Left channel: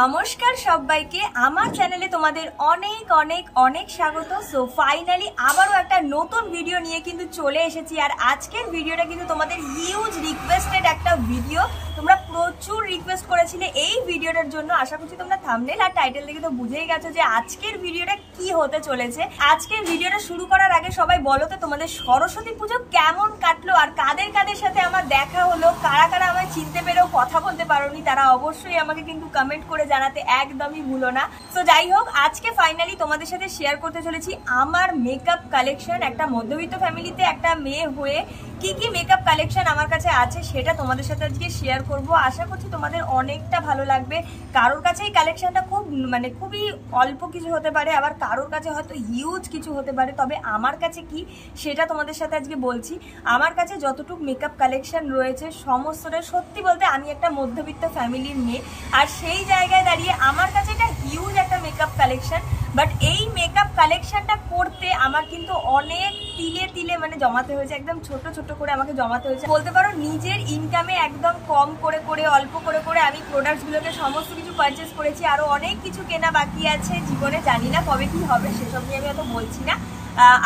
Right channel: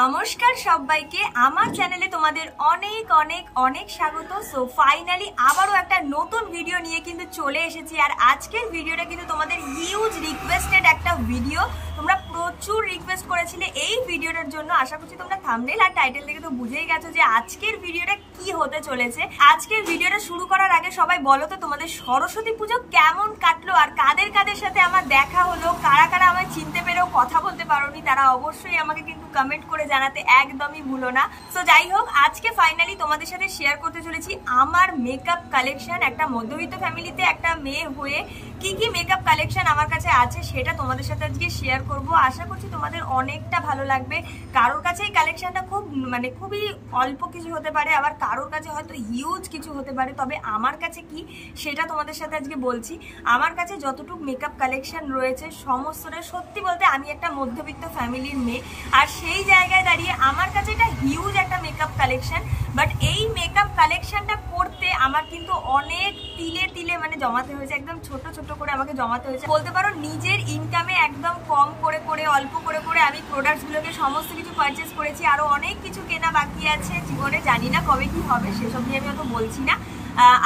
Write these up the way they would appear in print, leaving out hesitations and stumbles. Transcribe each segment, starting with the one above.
নমস্কার সবাইকে আমার চ্যানেলে তোমাদের অনেক অনেক অনেক স্বাগত। সো ফাইনালি আবারও একটা নতুন ভিডিও নিয়ে কিন্তু চলে এসেছি। আর আজকের ভিডিওটা কিন্তু তোমাদের হিউজ রিকোয়েস্টেড একটা ভিডিও। তোমরা প্রচুর রিকোয়েস্ট করেছিলে এই ভিডিওটার জন্য। আশা করছি তোমরা থাম্বনেল আর টাইটেল দেখে তো বুঝেই গেছো যে আজকের ভিডিওটা কি হতে চলেছে। আজকের ভিডিওটা শুরু করার আগে সবাই বলো তো তোমাদের সরস্বতী পুজো কেমন কাটলো, আর কাদের কাদের সাথে আমার দেখা হলো, কারা কারা আমায় চিনতে পেরেও কথা বলতে পারোনি তারা অবশ্যই আমাকে কিন্তু কমেন্ট করে জানাতে একদমই ভুলো না। তো যাই হোক, আজকে ফাইনালি তোমাদের সাথে শেয়ার করতে চলেছি আমার মেকআপ কালেকশন। একটা মধ্যবিত্ত ফ্যামিলিতে একটা মেয়ে হয়ে কি কি মেকআপ কালেকশন আমার কাছে আছে সেটা তোমাদের সাথে আজকে শেয়ার করব। আশা করছি তোমাদের অনেকটা ভালো লাগবে। কারোর কাছে এই কালেকশনটা খুবই অল্প কিছু হতে পারে, আবার কারোর কাছে হয়তো হিউজ কিছু হতে পারে। তবে আমার কাছে কি সেটা তোমাদের সাথে আজকে বলছি। আমার কাছে যতটুকু মেকআপ কালেকশন রয়েছে সমস্তটা, সত্যি বলতে আমি একটা মধ্যবিত্ত ফ্যামিলির মেয়ে, আর সেই জায়গায় দাঁড়িয়ে আমার কাছে এটা হিউজ একটা মেকআপ কালেকশন। বাট এই মেকআপ কালেকশনটা করতে আমার কিন্তু অনেক তিলে তিলে জমাতে হয়েছে, একদম ছোট ছোট করে আমাকে জমাতে হয়েছে বলতে পারো। নিজের ইনকামে একদম কম করে করে অল্প করে করে আমি প্রোডাক্টসগুলোকে সমস্ত কিছু পারচেস করেছি। আরো অনেক কিছু কেনা বাকি আছে জীবনে, জানি না কবে কি হবে, সেসব নিয়ে আমি অত বলছি না।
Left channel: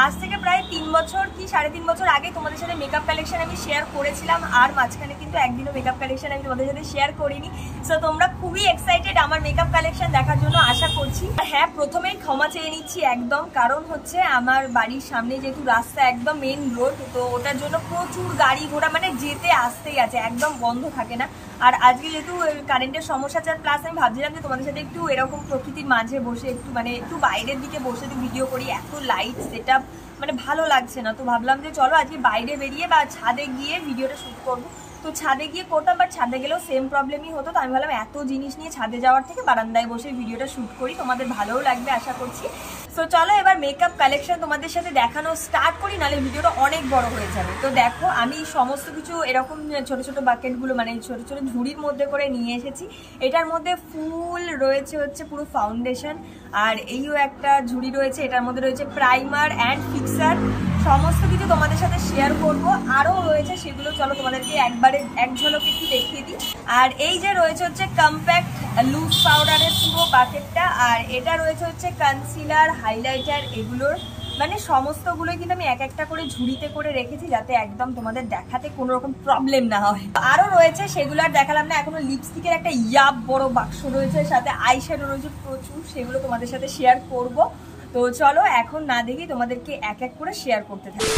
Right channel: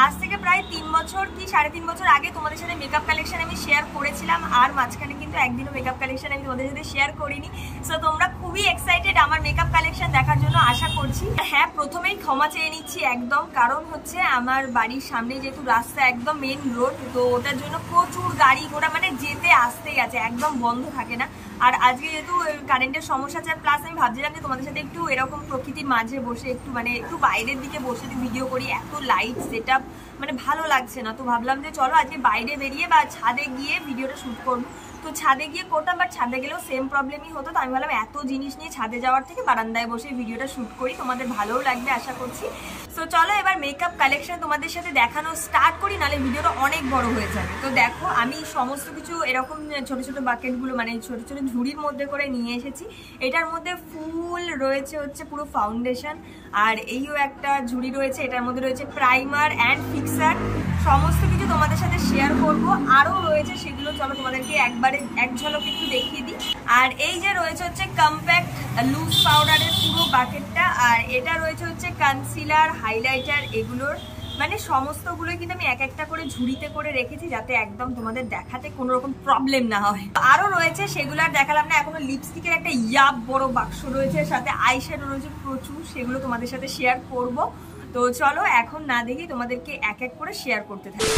আজ থেকে প্রায় 3 বছর কি 3.5 বছর আগে তোমাদের সাথে মেকআপ কালেকশন আমি শেয়ার করেছিলাম, আর মাঝখানে কিন্তু একদিনও মেকআপ কালেকশন আমি তোমাদের সাথে শেয়ার করিনি। সো তোমরা খুবই এক্সাইটেড আমার মেকআপ কালেকশন দেখার জন্য আশা করছি। হ্যাঁ, প্রথমেই ক্ষমা চেয়ে নিচ্ছি একদম, কারণ হচ্ছে আমার বাড়ির সামনে যেহেতু রাস্তা একদম মেন রোড, তো ওটার জন্য প্রচুর গাড়ি ঘোড়া যেতে আসতেই আছে, একদম বন্ধ থাকে না। আর আজকে যেহেতু কারেন্টের সমস্যা আছে, প্লাস আমি ভাবছিলাম যে তোমাদের সাথে একটু এরকম প্রকৃতির মাঝে বসে একটু বাইরের দিকে বসে ভিডিও করি। এত লাইট সেটআপ ভালো লাগছে না, তো ভাবলাম যে চলো আজকে বাইরে বেরিয়ে বা ছাদে গিয়ে ভিডিওটা শুট করবো। তো ছাদে গিয়ে করতাম, বাট ছাদে গেলেও সেম প্রবলেমই হতো। তো আমি ভাবলাম এত জিনিস নিয়ে ছাদে যাওয়ার থেকে বারান্দায় বসে ভিডিওটা শুট করি, তোমাদের ভালোও লাগবে আশা করছি। তো চলো এবার মেকআপ কালেকশন তোমাদের সাথে দেখানো স্টার্ট করি, নাহলে ভিডিওটা অনেক বড় হয়ে যাবে। তো দেখো, আমি সমস্ত কিছু এরকম ছোট ছোট বাকেটগুলো ছোট ছোট ঝুড়ির মধ্যে করে নিয়ে এসেছি। এটার মধ্যে ফুল রয়েছে হচ্ছে পুরো ফাউন্ডেশন, আর এইও একটা ঝুড়ি রয়েছে, এটার মধ্যে রয়েছে প্রাইমার অ্যান্ড ফিক্সার। সমস্ত কিছু তোমাদের সাথে শেয়ার করব। আরও রয়েছে, সেগুলো চলো তোমাদেরকে একবারে এক ঝলক একটু দেখিয়ে দিই। আর এই যে রয়েছে হচ্ছে কম্প্যাক্ট লুজ পাউডারের পুরো বাকেটটা, আর এটা রয়েছে হচ্ছে কনসিলার, হাইলাইটার, এগুলোর সমস্তগুলোই কিন্তু আমি এক একটা করে ঝুড়িতে করে রেখেছি, যাতে একদম তোমাদের দেখাতে কোনো রকম প্রবলেম না হয়। আরও রয়েছে, সেগুলো আর দেখালাম না। এখনো লিপস্টিকের একটা ইয়াব বড় বাক্স রয়েছে, সাথে আইশ্যাডো রয়েছে প্রচুর, সেগুলো তোমাদের সাথে শেয়ার করব। তো চলো এখন না দেখি তোমাদেরকে এক এক করে শেয়ার করতে থাকি।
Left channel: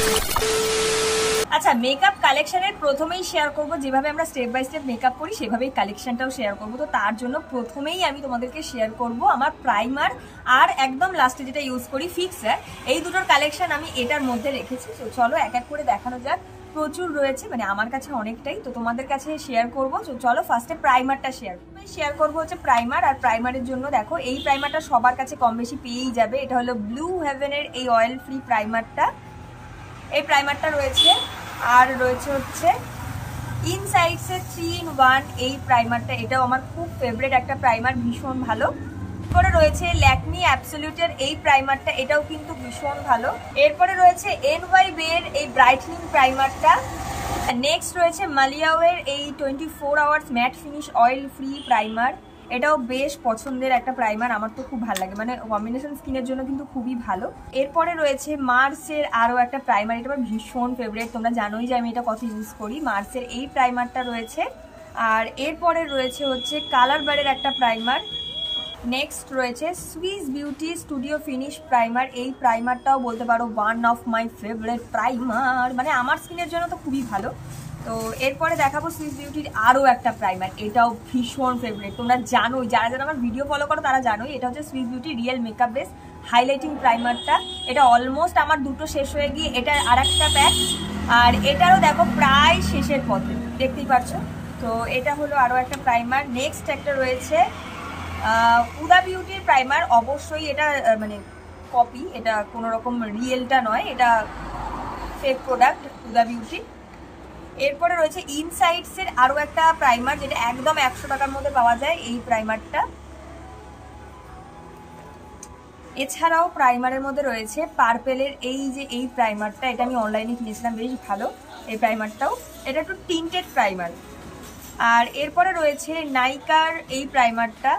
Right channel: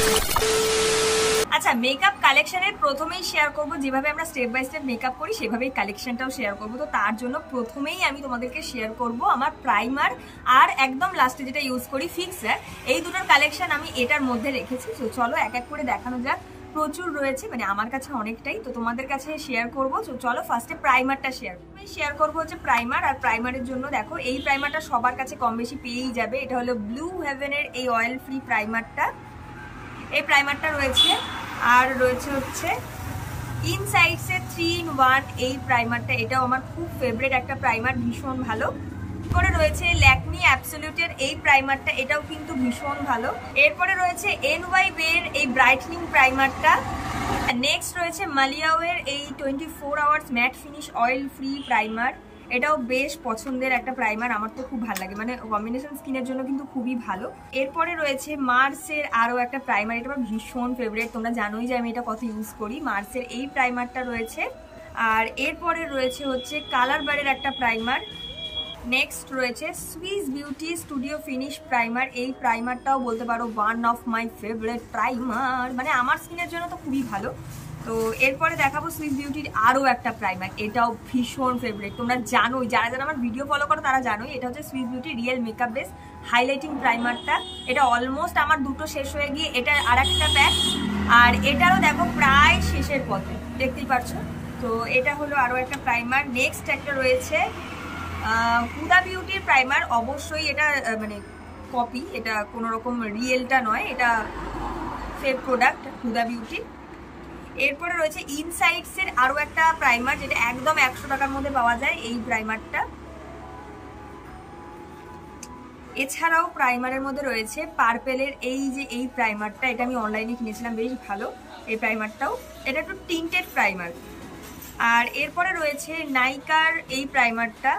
আচ্ছা, মেকআপ কালেকশনের প্রথমেই শেয়ার করব, যেভাবে আমরা স্টেপ বাই স্টেপ মেকআপ করি সেভাবেই কালেকশনটাও শেয়ার করব। তো তার জন্য প্রথমেই আমি তোমাদেরকে শেয়ার করব আমার প্রাইমার, আর একদম লাস্টে যেটা ইউজ করি ফিক্সার। এই দুটোর কালেকশন আমি এটার মধ্যে রেখেছি। তো চলো এক এক করে দেখানো যাক। প্রচুর রয়েছে, আমার কাছে অনেকটাই, তো তোমাদের কাছে শেয়ার করবো। চলো ফার্স্টে প্রাইমারটা শেয়ার করবো হচ্ছে প্রাইমার। আর প্রাইমারের জন্য দেখো, এই প্রাইমারটা সবার কাছে কম বেশি পেয়েই যাবে। এটা হলো ব্লু হেভেনের এই অয়েল ফ্রি প্রাইমারটা। এই প্রাইমারটা রয়েছে, আর রয়েছে হচ্ছে ইনসাইডসের 3 in 1 এই প্রাইমারটা। এটাও আমার খুব ফেভারিট একটা প্রাইমার, ভীষণ ভালো। এরপরে রয়েছে ল্যাকমি অ্যাবসলিউটের এই প্রাইমারটা, এটাও কিন্তু ভীষণ ভালো। এরপরে রয়েছে NYB এর এই ব্রাইটনিং প্রাইমারটা। নেক্সট রয়েছে মালিয়াওয়ের এই 24 hours mat finish oil free primer. এটাও বেশ পছন্দের একটা প্রাইমার, আমার তো খুব ভালো লাগে, কম্বিনেশন স্কিনের জন্য কিন্তু খুবই ভালো। এরপরে রয়েছে মার্সের আরও একটা প্রাইমার, এটা আমার ভীষণ ফেভারিট, তোমরা জানোই যে আমি এটা কত ইউজ করি। মার্সের এই প্রাইমারটা রয়েছে। আর এরপরে রয়েছে হচ্ছে কালার বারের একটা প্রাইমার। নেক্সট রয়েছে Swiss beauty studio finish primer. এই প্রাইমারটাও বলতে পারো one of my favourite primer, আমার স্কিনের জন্য তো খুবই ভালো। তো এরপরে দেখাবো সুইস বিউটির আরও একটা প্রাইমার, এটাও ভীষণ ফেভারিট, তোমরা জানোই, যারা যারা আমার ভিডিও ফলো করো তারা জানোই। এটা হচ্ছে Swiss Beauty real makeup base highlighting প্রাইমারটা। এটা অলমোস্ট আমার দুটো শেষ হয়ে গিয়ে এটা আর একটা প্যাক, আর এটারও দেখো প্রায় শেষের পথে, দেখতেই পাচ্ছ। তো এটা হলো আরও একটা প্রাইমার। নেক্সট একটা রয়েছে হুদা বিউটির প্রাইমার। অবশ্যই এটা কপি, এটা কোনো রকম রিয়েলটা নয়, এটা ফেক প্রোডাক্ট হুদা বিউটি। এরপরে রয়েছে ইনসাইডসের আরও একটা প্রাইমার, যেটা একদম 100 টাকার মধ্যে পাওয়া যায়, এই প্রাইমারটা। এছাড়াও প্রাইমারের মধ্যে রয়েছে পার্পেলের এই প্রাইমারটা, এটা আমি অনলাইনে কিনেছিলাম, বেশ ভালো এই প্রাইমারটাও। এটা একটু টিন্টেড প্রাইমার। আর এরপরে রয়েছে নাইকার এই প্রাইমারটা,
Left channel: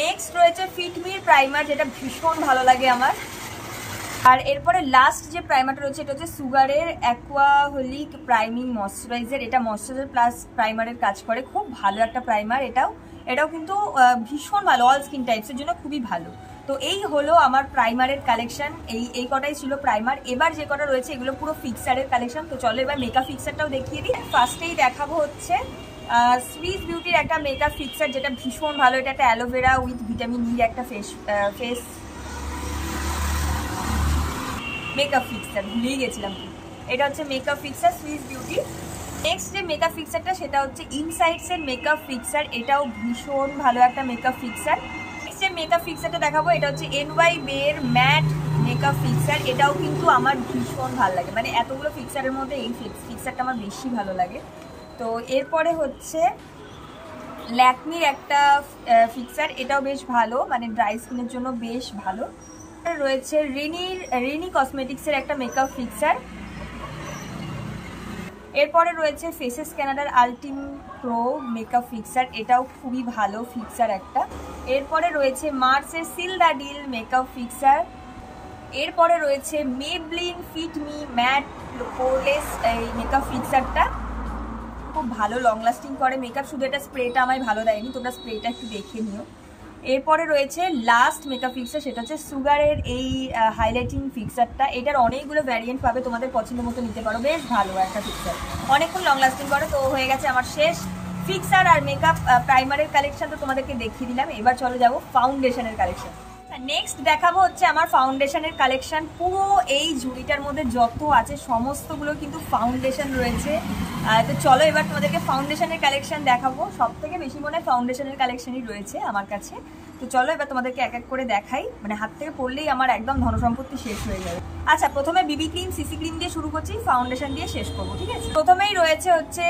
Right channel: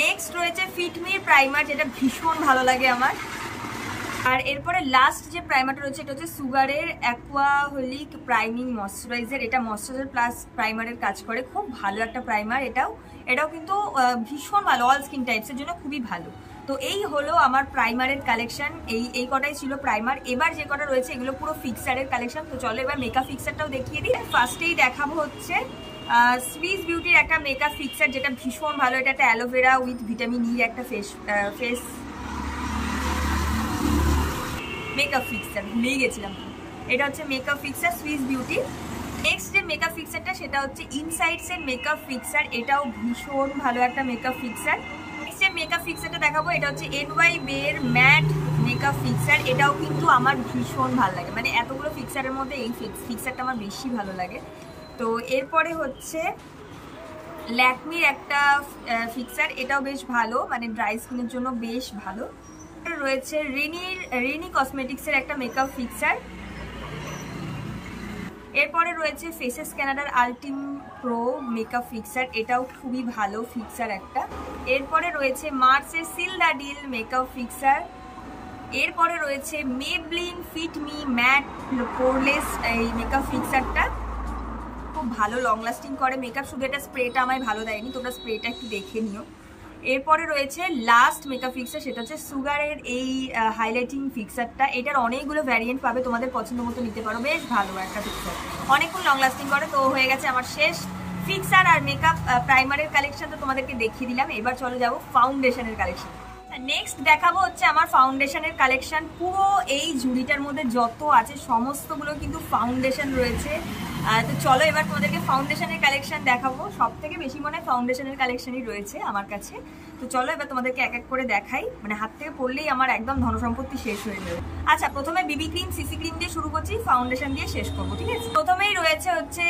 নেক্সট রয়েছে ফিটমির প্রাইমার, যেটা ভীষণ ভালো লাগে আমার। আর এরপরে লাস্ট যে প্রাইমারটা রয়েছে এটা হচ্ছে সুগারের অ্যাকোয়াহলিক প্রাইমিং ময়শ্চারাইজার। এটা ময়শ্চারাইজার প্লাস প্রাইমারের কাজ করে, খুব ভালো একটা প্রাইমার। এটাও কিন্তু ভীষণ ভালো, অল স্কিন টাইপসের জন্য খুবই ভালো। তো এই হলো আমার প্রাইমারের কালেকশন, এই কটাই ছিল প্রাইমার। এবার যে কটা রয়েছে এগুলো পুরো ফিক্সারের কালেকশন। তো চলো এবার মেকআপ ফিক্সারটাও দেখিয়ে দিই। ফার্স্টেই দেখাবো হচ্ছে সুইস বিউটির একটা মেকআপ ফিক্সার, যেটা ভীষণ ভালো। এটা একটা অ্যালোভেরা উইথ ভিটামিন ই একটা ফেস মেকআপ ফিক্সার, ভুলেই গেছিলাম। এটা হচ্ছে makeup fixer Swiss beauty. Next যে মেকআপ ফিক্সারটা সেটা হচ্ছে ইনসাইডস এর মেকআপ ফিক্সার। এটাও ভীষণ ভালো একটা মেকআপ ফিক্সার। নেক্সট যে মেকআপ ফিক্সারটা দেখাবো এটা হচ্ছে NYBE এর ম্যাট মেকআপ ফিক্সার। এটাও কিন্তু আমার ভীষণ ভালো লাগে, মানে এতগুলো ফিক্সারের মধ্যে এই ফিক্সারটা আমার বেশি ভালো লাগে। তো এরপরে হচ্ছে ল্যাকমির একটা ফিক্সার, এটাও বেশ ভালো, মানে ড্রাই স্কিনের জন্য বেশ ভালো। রয়েছে রেনি কসমেটিক্সের একটা মেকআপ ফিক্সার। এরপরে রয়েছে ফেসেস ক্যানাডার আলটিম প্রো মেকআপ ফিক্সার, এটাও খুবই ভালো ফিক্সার একটা। এরপরে রয়েছে মার্সের seal the deal makeup fixer. এরপরে রয়েছে Maybelline fit me matte poreless এই মেকআপ ফিক্সারটা, খুব ভালো, লং লাস্টিং করে মেকআপ। শুধু এটা স্প্রেটা আমায় ভালো দেয়নি, তোমরা স্প্রেটা একটু দেখে নিও। এরপরে রয়েছে লাস্ট মেকআপ ফিক্সার, সেটা হচ্ছে সুগারের এই হাইলাইটিং ফিক্সারটা। এটার অনেকগুলো ভ্যারিয়েন্ট পাবে, তোমাদের পছন্দ মতো নিতে পারো, বেশ ভালো একটা ফিক্সার, অনেকক্ষণ লং লাস্টিং করে। তো হয়ে গেছে আমার শেষ ফিক্সার আর মেকআপ প্রাইমারের কালেকশন, তো তোমাদেরকে দেখিয়ে দিলাম। এবার চলে যাবো ফাউন্ডেশনের কালেকশন। নেক্সট দেখাবো হচ্ছে আমার ফাউন্ডেশনের কালেকশন। পুরো এই ঝুড়িটার মধ্যে যত আছে সমস্তগুলো কিন্তু ফাউন্ডেশন রয়েছে। তো চলো এবার তোমাদেরকে ফাউন্ডেশনের কালেকশন দেখাবো। সব থেকে বেশি মনে হয় ফাউন্ডেশনের কালেকশনই রয়েছে আমার কাছে। তো চলো এবার তোমাদেরকে এক এক করে দেখাই, মানে হাত থেকে পড়লেই আমার একদম ধনসম্পত্তি শেষ হয়ে যাবে। আচ্ছা, প্রথমে বিবি ক্রিম সিসি ক্রিম দিয়ে শুরু করছি, ফাউন্ডেশন দিয়ে শেষ করবো, ঠিক আছে? প্রথমেই রয়েছে হচ্ছে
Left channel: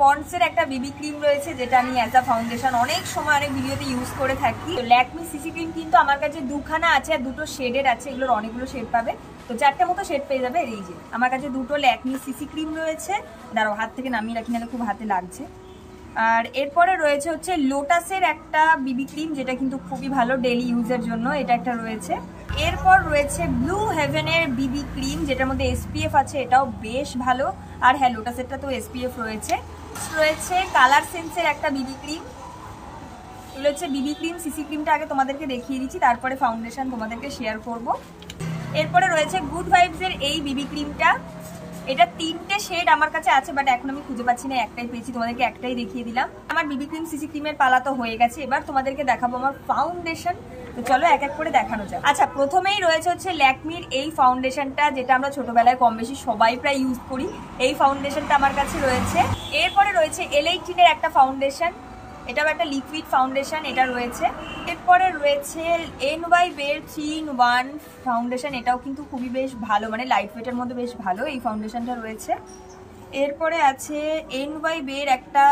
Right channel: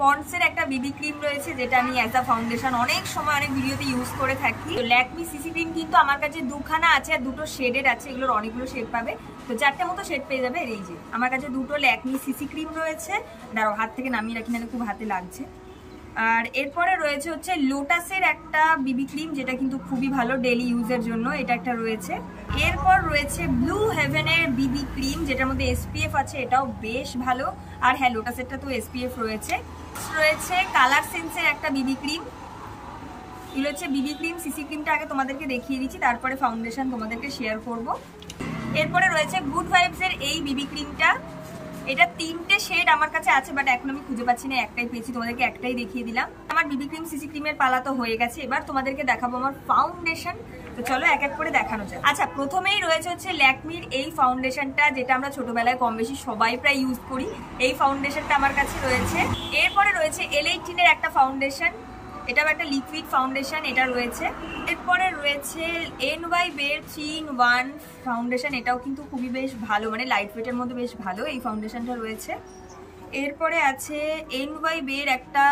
পন্ডসের একটা বিবি ক্রিম রয়েছে, যেটা আমি অ্যাজ আ ফাউন্ডেশন অনেক সময় অনেক ভিডিওতে ইউজ করে থাকি। তো ল্যাকমি সিসি ক্রিম কিন্তু আমার কাছে দুখানা আছে আর দুটো শেডের আছে, এগুলোর অনেকগুলো শেড পাবে। তো 4টে মতো শেড পেয়ে যাবে। এই যে আমার কাছে দুটো ল্যাকমি সিসি ক্রিম রয়েছে, দাঁড়াও হাত থেকে নামিয়ে রাখি, নাহলে খুব হাতে লাগছে। আর এরপরে রয়েছে হচ্ছে লোটাসের একটা বিবি ক্রিম, যেটা কিন্তু খুবই ভালো ডেইলি ইউজের জন্য, এটা একটা রয়েছে। এরপর রয়েছে ব্লু হেভেনের বিবি ক্রিম, যেটার মধ্যে SPF আছে, এটাও বেশ ভালো। আর হ্যাঁ, লোটাসেরটা তো SPF রয়েছে। কালার সেন্সের একটা বিবি ক্রিম, এগুলো হচ্ছে বিবি ক্রিম। সিসি ক্রিমটা আগে তোমাদেরকে দেখিয়ে দিচ্ছি, তারপরে ফাউন্ডেশন তোমাদেরকে শেয়ার করব। এরপরে রয়েছে গুড ভাইবসের এই বিবি ক্রিমটা, এটা 3টে শেড আমার কাছে আছে, বাট এখন আমি খুঁজে পাচ্ছি না, একটাই পেয়েছি, তোমাদেরকে একটাই দেখিয়ে দিলাম। আমার বিবি ক্রিম সিসি ক্রিমের পালা তো হয়ে গেছে, এবার তোমাদেরকে দেখাবো আমার ফাউন্ডেশন। তো চলো এক এক করে দেখানো যায়। আচ্ছা, প্রথমেই রয়েছে হচ্ছে ল্যাকমির এই ফাউন্ডেশনটা, যেটা আমরা ছোটবেলায় কম বেশি সবাই প্রায় ইউজ করি। এই ফাউন্ডেশনটা আমার কাছে রয়েছে। এরপরে রয়েছে L18 এর একটা ফাউন্ডেশন, এটাও একটা লিকুইড ফাউন্ডেশন, এটা রয়েছে। এরপরে রয়েছে NYBE এর 3-in-1 ফাউন্ডেশন, এটাও কিন্তু খুবই বেশ ভালো, মানে লাইট ওয়েটের মধ্যে বেশ ভালো এই ফাউন্ডেশনটা রয়েছে। এরপরে আছে NYBE এর একটা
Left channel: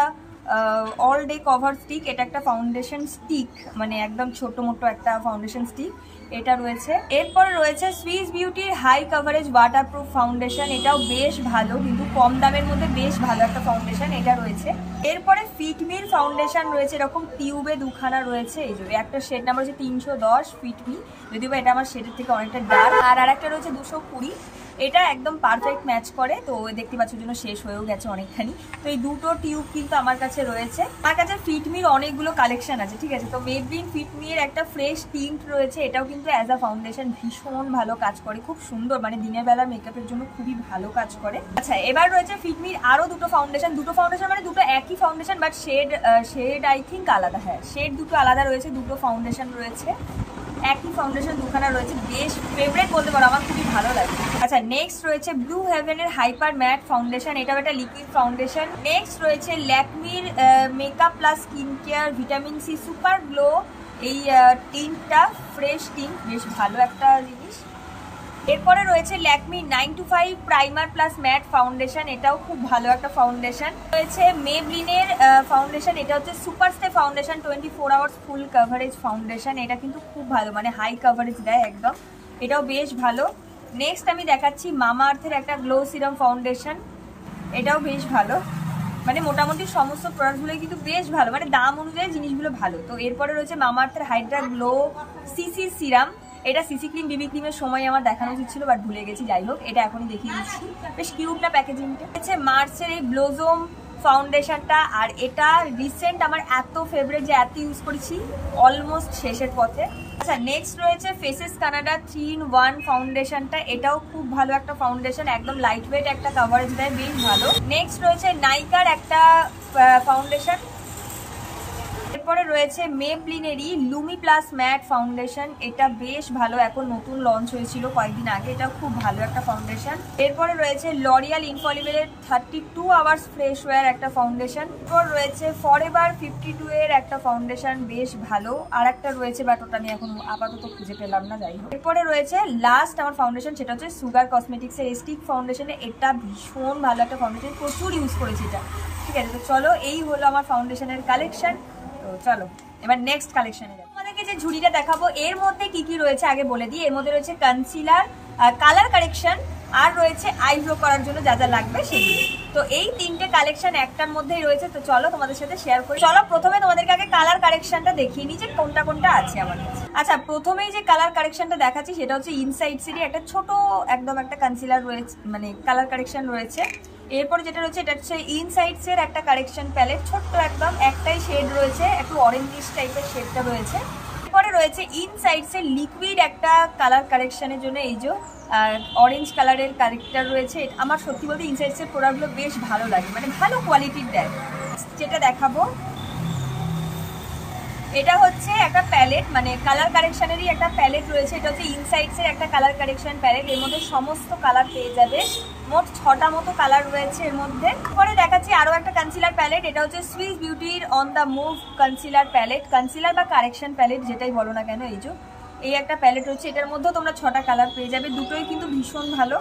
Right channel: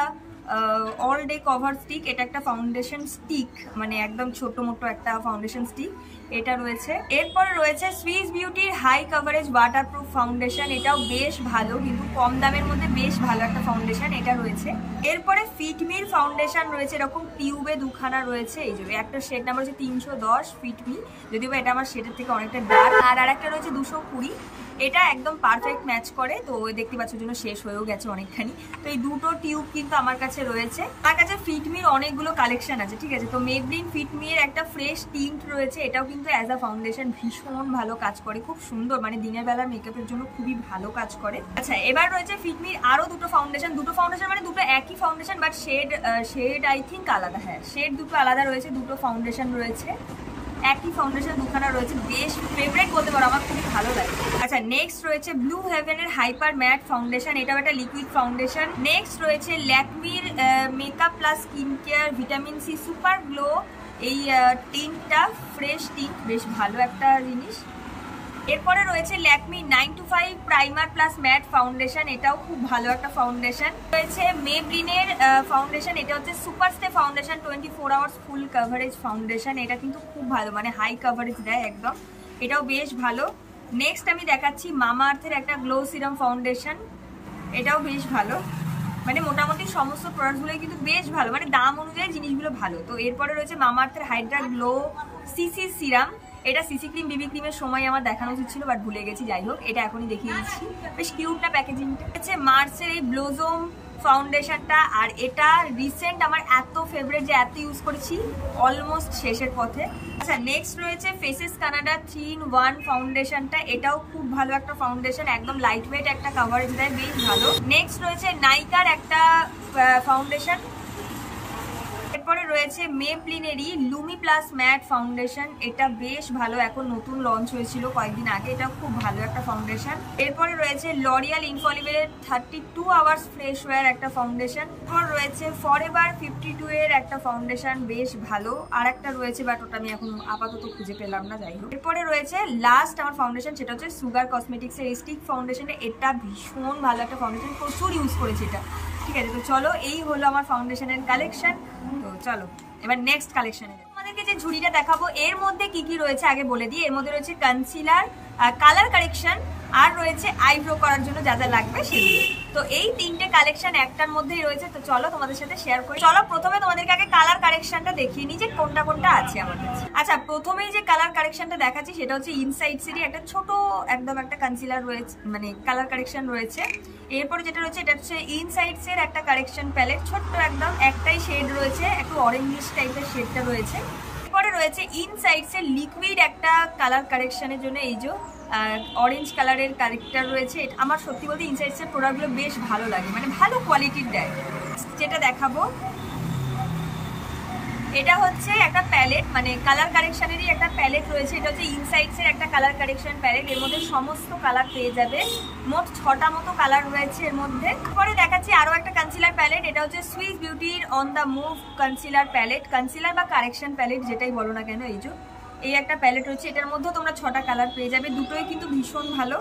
অল ডে কভার স্টিক, এটা একটা ফাউন্ডেশন স্টিক, মানে একদম ছোট মোটো একটা ফাউন্ডেশন স্টিক, এটা রয়েছে। এরপরে রয়েছে সুইস বিউটির হাই কভারেজ ওয়াটারপ্রুফ ফাউন্ডেশন, এটাও বেশ ভালো, কিন্তু কম দামের মধ্যে বেশ ভালো একটা ফাউন্ডেশন, এটা রয়েছে। এরপরে ফিটমির ফাউন্ডেশন রয়েছে, এরকম টিউবে দুখানা রয়েছে। এই যে একটা শেড নাম্বার হচ্ছে 310 ফিটমি, যদিও এটা আমার শেডের থেকে অনেকটা ডার্ক। আর একটা রয়েছে 220, এটা একদম পারফেক্ট ম্যাচ করে। তো দেখতে পাচ্ছ জন্য শেষ হয়েও গেছে অনেকখানি। তো এই দুটো টিউব কিন্তু আমার কাছে রয়েছে। আমার কাছে ফিটমির অনেকগুলো কালেকশন আছে, ঠিক আছে? তো মেবলিন ফিটমির একটা ফ্রেশ টিন্ট রয়েছে, এটাও কিন্তু অ্যাজ আ ফাউন্ডেশন ভীষণ ভালো কাজ করে, খুব সুন্দর, মানে দিনের বেলার মেকআপের জন্য খুবই ভালো কাজ করে। আচ্ছা, এবার রয়েছে ফিটমির আরো দুটো ফাউন্ডেশন মানে দুটো একই foundation, but shade I think আলাদা। হ্যাঁ, শেড দুটো আলাদা রয়েছে, দুটো ফাউন্ডেশন রয়েছে, একই ফাউন্ডেশন দুখানা রয়েছে, বেশ ফেভারিট বলতে পারো, আমার খুবই ভালো লাগে। আচ্ছা, নেক্সট রয়েছে ব্লু হেভেনের হাইপার ম্যাট ফাউন্ডেশন, এটাও একটা লিকুইড ফাউন্ডেশন। নেক্সট রয়েছে ল্যাকমির makeup plus skin care vitamin C super glow, এই টিন্টটা ফ্রেশ টিন্ট, বেশ ভালো একটা জিনিস। এরপরে রয়েছে Lakme 925 primer plus matte foundation, এটাও খুব ভালো একটা ফাউন্ডেশন। রয়েছে মেবলিনের ফাউন্ডেশন, এটা হচ্ছে সুপার স্টে ফাউন্ডেশন 24 আওয়ার্স ফুল কভারেজ ফাউন্ডেশন, এটা কিন্তু খুব ভালো, মানে হাই কভারেজ দেয় একদম, এটাও বেশ ভালো। নেক্সট আমি দেখাচ্ছি মামা আর্থের একটা গ্লো সিরাম ফাউন্ডেশন, এটাও বেশ ভালো। মানে মোটামুটি সমস্ত প্রোডাক্টগুলোই কিন্তু বেশ ভালো, মানে দাম অনুযায়ী জিনিসগুলো ভালো। তো এরপরে রয়েছে মামাআর্থের হাইড্রা গ্লো সিসি সিরাম। এটা সিসি ক্রিম বিবি ক্রিমের সময় আমার দেখানো উচিত ছিল, বাট ভুলে গেছি, যাই হোক এটা এখনই দেখিয়ে দিচ্ছি। বেশ কিউট না প্যাকেজিংটা। হচ্ছে মার্সের এই ব্লোজম ফাউন্ডেশনটা, আর এটা রিসেন্ট আমার এত ফেভারিট যে এত ইউজ করেছি, অলমোস্ট শেষের পথে। আচ্ছা, নেক্সট রয়েছে ফেসেস কানাডা 3-in-1 ফাউন্ডেশনটা। এটাও খুব ভালো একটা ফাউন্ডেশন, একদম লাইট ওয়েট একটা কভারেজ দেয়, বেশ ভালো। নেক্সট রয়েছে নাইকার একটা ফাউন্ডেশন। এরপরে রয়েছে মেবলিনেরই লুমি প্লাস ম্যাট ফাউন্ডেশন। এটা বেশ ভালো, এখন নতুন লঞ্চ হয়েছিল কয়েকদিন আগে, এটা খুব ভালো একটা ফাউন্ডেশন। এরপরে রয়েছে লরিয়াল ইনফলিবেলের 32 আওয়ার্স ফ্রেশ ওয়্যার একটা ফাউন্ডেশন। এরপর রয়েছে ফরএভার 52 এর একটা ফাউন্ডেশন, বেশ ভালো। আর একটা রয়েছে, বাট ওটা আমি এখন আপাতত খুঁজে পেলাম না, যাই হোক। এরপরে রয়েছে লাস্ট আমার ফাউন্ডেশন, সেটা হচ্ছে সুগার কসমেটিক্স এর স্টিক ফাউন্ডেশনে। এটা ভীষণ ভালো একটা ফাউন্ডেশন, প্রচুর ইউজ করেছি এটা। ঠিক আছে, তো চলো এই হলো আমার ফাউন্ডেশনের কালেকশন। তো চলো এবার নেক্সট কালেকশনে যাই। তোমাদেরকে যে ঝুড়িটা দেখাবো এর মধ্যে কি কি রয়েছে আগে বলে দিই। এর মধ্যে রয়েছে কনসিলার, কালার কারেকশন, আর রয়েছে আইব্রো করার জন্য যা যা লাগবে সেগুলো। তো এই তিনটে কালেকশন একটার মধ্যেই রয়েছে। তো চলো তোমাদের সাথে শেয়ার করি। চলো প্রথমে তোমাদেরকে আগে কালার কারেকশনটা দেখিয়ে নিই যে কোনটা কোনটা আছে আমার কাছে। আচ্ছা, প্রথমেই যে কালার কারেকশনটা দেখাচ্ছি সেটা হচ্ছে ইনসাইডসেরই একটা ছোট একদম একটা কনসিলার রয়েছে, মানে কালার কারেকশন রয়েছে। এরপরে যেটা রয়েছে এটা হচ্ছে ইনসাইডস এর একটা কারেকশন প্যালেট, ছোট্ট একদম একটাই শেড রয়েছে, একটু অরেঞ্জিশ টাইপের শেডটা রয়েছে। এরপরে রয়েছে ইনসাইডস এর লিকুইড একটা কালার কারেকশনের জন্য এই যে অরেঞ্জ কালারের কারেক্টার রয়েছে। আমার সত্যি বলতে ইনসাইডস এর প্রোডাক্টগুলো বেশ ভালো লাগে, মানে ভালো কোয়ালিটির দেয়। যেটা দেখাবো এটা হচ্ছে একটা প্যালেট, মানে কালার কারেকশনেরই একটা প্যালেট রয়েছে। এটা হচ্ছে ইনসাইডস এর একটা কালার কারেকশন প্যালেট, এর মধ্যে সমস্ত কালার পেয়ে যাবে। মোট 6টা মতো কালার রয়েছে এর মধ্যে। পরে দেখাচ্ছি আরো একটা কনসিলার প্যালেট। এটা হচ্ছে সুইস বিউটির on the move concealer palette, concealer বা কারেকশন প্যালেট যেটাই বলো না কেন। এই একটা প্যালেট রয়েছে, এটার মধ্যেও তোমরা 6টা কালার পেয়ে যাবে, দুটোই কিন্তু ভীষণ ভালো।